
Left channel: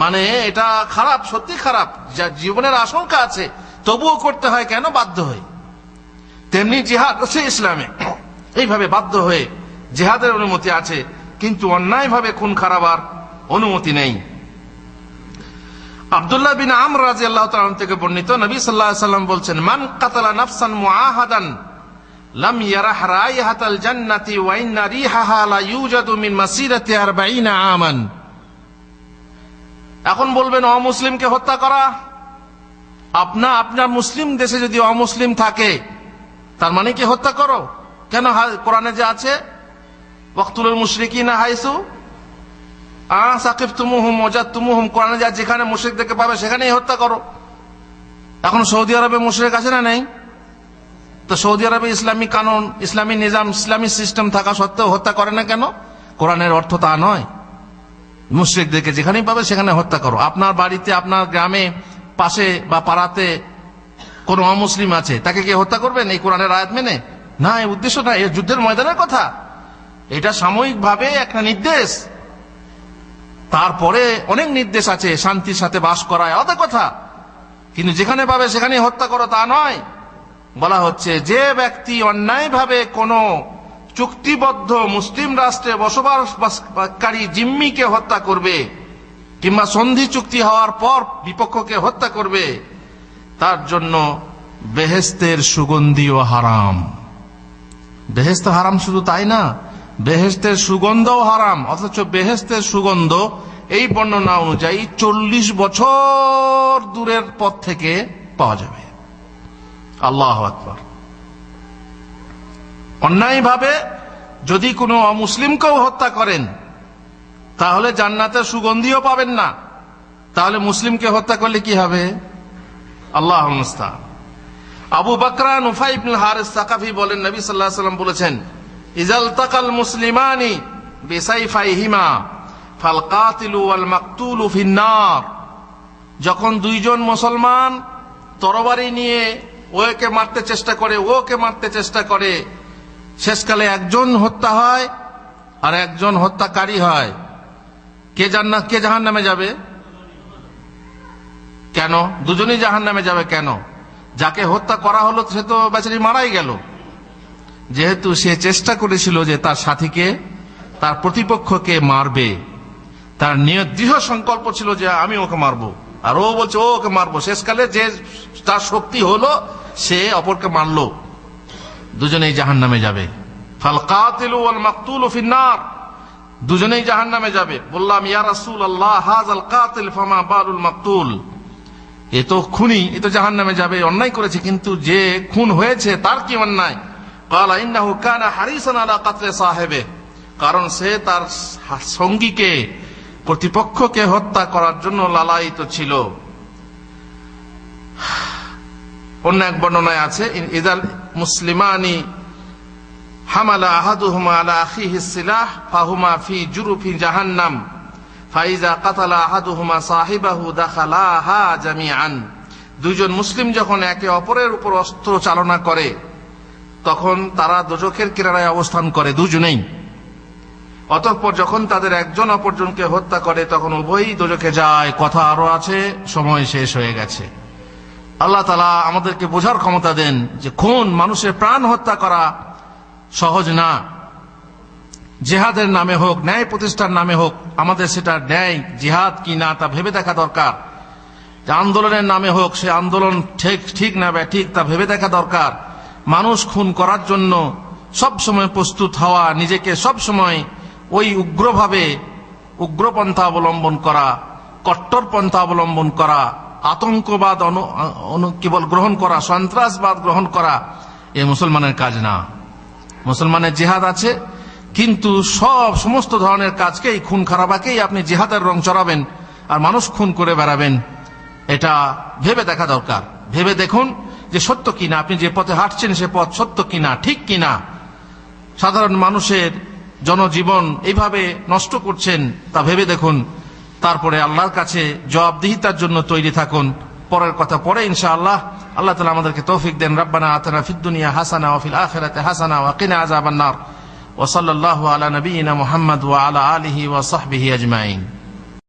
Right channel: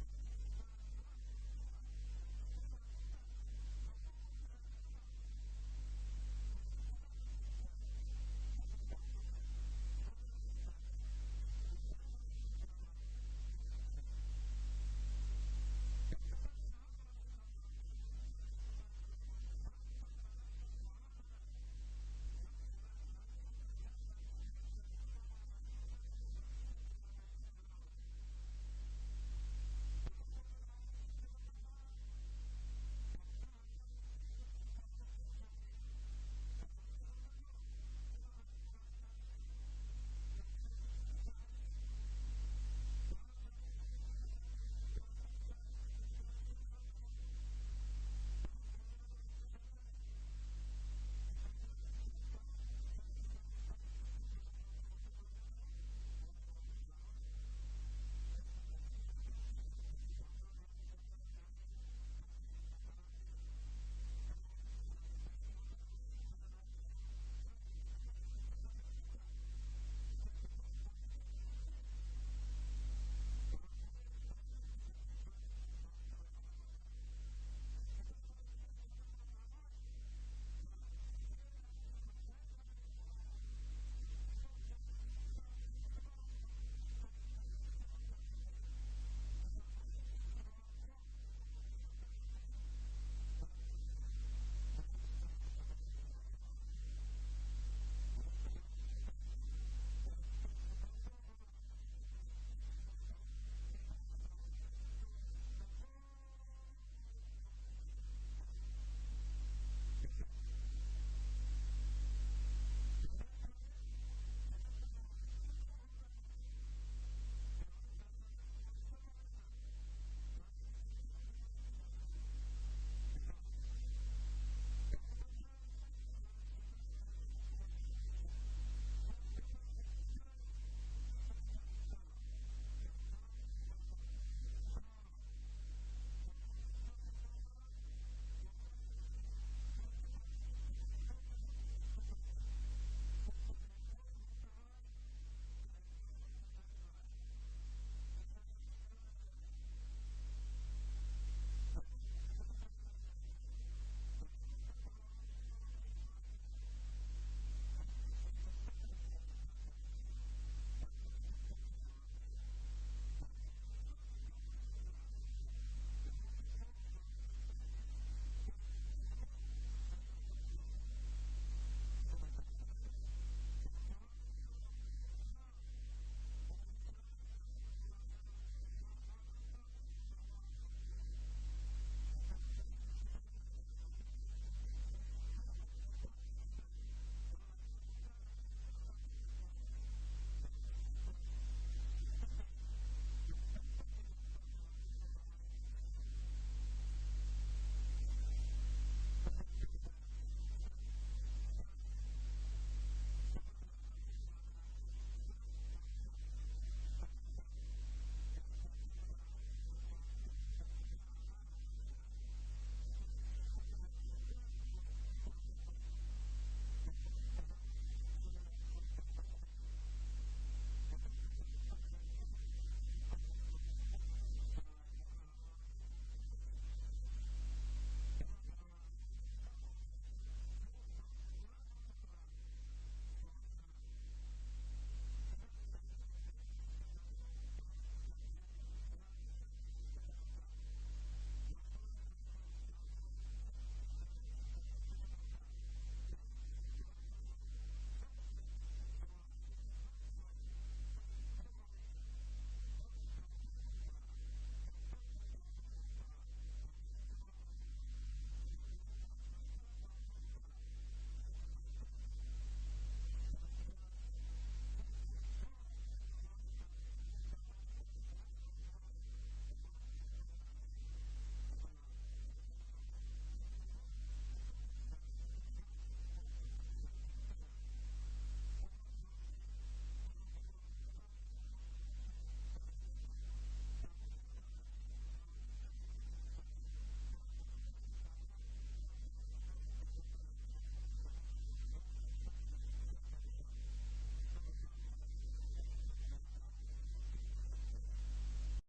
মানে এটা খারাপ, সত্যি খারাপ, যা জীবনের আশঙ্কা আছে, তবুও করতে হয়। কেন? বাধ্য হয়ে। তেমনি জিহাদ আছে ইসলামে, এইভাবে বাধ্য হয়ে জিহাদের অনুমতি আছে, কিন্তু অন্যায় ভাবে খুন খারাবার অনুমতি নেই। আব্দুল্লাহ বিন আমর রাদিয়াল্লাহু তাআলা থেকে বর্ণিত, নবী সাল্লাল্লাহু আলাইহি ওয়াসাল্লাম বলছেন, মান কাতালা নাফসান মুআহাদান লাম ইয়ারাহ রাইহাতাল জান্নাতি ওয়া ইন্না রিহাহা লা ইউজাদু মিন মাসিরাতি 40 আমান। এখন বলবেন অমুসলিমকে হত্যা করা, আপনার মুসলিম দেশে যদি অমুসলিম থাকে তার মানে কি হত্যা করো? কেন? কোরআনে যে আছে, ওয়াকতুলুল মুশরিকিনা হাইসু সাকিফতুমুহুম ওয়াজাদতুমুহুম, কোরআনে যা যেখানে মুশরিকদেরকে পাবে সেখানেই হত্যা করো। এখন সৌদি আরবে মুশরিক আছে না নেই? তো সৌদি আরবে ইসলামী কানুন, ইসলামী নিজাম, ইসলামী সিস্টেম থাকা সত্ত্বেও হত্যা করে না কেন? কোরআনের অর্থ তা নয়। মুশরিকদেরকে যেখানেই পাবে সেখানে হত্যা করো। আপনার বাড়িতে, আপনার গ্রামে, পাশে বা পাড়াতে কোন অমুসলিম আছে, তাকে কি হত্যা করবেন এই কোরআনের আয়াত মেনে? না, এই উদ্দেশ্য না, এই যুদ্ধের ময়দানের কথা। এটা সাময়িক ভাবে একটা নির্দেশ, তারপরে অনেক নির্দেশ আছে শান্তির সাথে বাস করায়, আলাদা কথা। কিন্তু যেখানে পাবে সেখানে হত্যা করো তা নয়। বলা হচ্ছে যে ব্যক্তি অন্যায়ভাবে কোন চুক্তিবদ্ধ মুসলিম রাষ্ট্রে বসবাসকারী জিম্মিকে হত্যা করবে, কিংবা সন্ধি চুক্তি হওয়ার পর বিপক্ষকে হত্যা করবে, তার জন্য বেহেশতের সুগন্ধিও হারাম। বেহেশত হারাম শুধু তাই না, বেহেশতের সুগন্ধও হারাম। অথচ বেহেশতের সুগন্ধ এই বর্ণনা অনুযায়ী 40 বছর দূরের পথ থেকে পাওয়া যাবে। আল্লাহু আকবার। অন্যায়ভাবে যদি কোনো অমুসলিমকেও হত্যা করেন তাহলে জান্নাতের সুগন্ধিও পাবেন না, তাহলে মুসলিমকে হত্যা করলে কি হবে? আল্লাহুল মুস্তাআন। আবু বকর নুফাই ইবনে হারিস সাকাফি বলেন, নবী সাল্লাল্লাহু আলাইহি ওয়াসাল্লাম বলেছেন, ইজাল তাকাল মুসলিমানি বিসাইফাইহিমা ফাল কাতিলু ওয়াল মাকতুলু ফিন্নার। যখন দুইজন মুসলমান তরবারি নিয়ে ওকে মারতে চেষ্টা করে, শেষকালে একজন হত্যা হয় আর একজন হত্যাকারী হয়, কে জাহান্নামে যাবে? কেন? দুজনেই জাহান্নামে যাবে। কেন? যাকে হত্যা করা হলো সে তো বেচারি মারাই গেল, যেহেতু সে চেষ্টা করেছিল যে তার সাথীকে, তার প্রতিপক্ষকে মারবে। তার নিয়ত, দৃঢ় সংকল্প ছিল যে আমি ওকে মারবো, আর ও বলছে ও ওকে মারবো। শেষকালে যে তার শক্তি হলো সে অপরকে মারলো, দুজনেই জাহান্নামে যাবে। ফাল কাতিলু ওয়াল মাকতুলু ফিন্নার, দুজনেই জাহান্নামে যাবে। বললাম, ইয়া রাসূলুল্লাহ, হাযাল কাতিল ফামা বালুল মাকতুল। এ তো খুনি, এ তো জাহান্নামে যাবে, অন্যায় করেছে, কিন্তু যে খুন হয়েছে তার কি অন্যায়? ক্বালা ইন্নাহু কানা হারিসান আলা কাতলি সাহিবিহি, কারণ সে তার সঙ্গীকে, প্রতিপক্ষকে হত্যা করার জন্য লালায়িত ছিল। অন্য এক বর্ণনায় আছে, ইদাল মুসলিমানি হামালা আহাদুহুমা আলা আখিহি সিলাহ ফাহুমা ফি জুরুফি জাহান্নাম ফাইজা কাতালা আহাদুহুমা সাহিবাহু দাখালাহা জামিআন। দুইজন মুসলিম যখন একে অপরের উপর অস্ত্র চালনা করে তখন তারা দোজখের কিনারায় অবস্থান করে দুজনেই। অতঃপর যখন তাদের একজন অপরজনকে হত্যা করে তখন উভয়ই দোজখে যায়। কথা আরো আছে, সময় শেষ হয়ে গেছে। আল্লাহ তাআলা আমাদেরকে বোঝার ক্ষমতা দেন যে খুন, মানুষের প্রাণ হত্যা করা সহজ না। জিহাদের নামে হোক, ন্যায় প্রতিষ্ঠার নামে হোক, আমাদের সেটা ন্যায় জিহাদ কি না তা ভেবে দেখা দরকার। যে আন্দোলনের নামে হোক, সে আন্দোলন ঠিক না ঠিক তা ভেবে দেখা দরকার। মানুষ খুন করার জন্য সব সময় প্রস্তুত হওয়া, নিজেকে সব সময় ওই উগ্রপন্থা অবলম্বন করা, কট্টরপন্থা অবলম্বন করা, আতঙ্কবাদ গ্রহণ করা, সন্ত্রাসবাদ গ্রহণ করা, এ মুসলমানের কাজ না। মুসলমানের জিহাদ আছে, কিন্তু সমস্ত ধরনের কাজকেই, খুন খারাপাকেই আপনি জিহাদের রং চড়াবেন আর মানুষ খুন করে বেড়াবেন, এটা ভেবে দেখা দরকার। ভেবে দেখুন যে সত্য কিনা, আপনি যে পথে হাঁটছেন সে পথ সত্য কিনা, ঠিক কিনা। সাধারণ মানুষের জনজীবন এইভাবে নষ্ট করছেন তা ভেবে দেখুন। তারপরে আল্লাহর কাছে জবাবদিহিতার জন্য তৈরি থাকুন। পরের কথা পরে ইনশাআল্লাহ। আল্লাহ তাআলা আমাদেরকে তৌফিক দেন। রব্বানা আতিনা ফিদ দুনিয়া হাসানা ওয়া ফিল আখিরাতি হাসানা ওয়া কিনা আযাবান নার। ওয়া সাল্লাল্লাহু আলা নাবিয়িনা মুহাম্মদ ওয়া আলা আলিহি ওয়া সাহবিহি আজমাইন।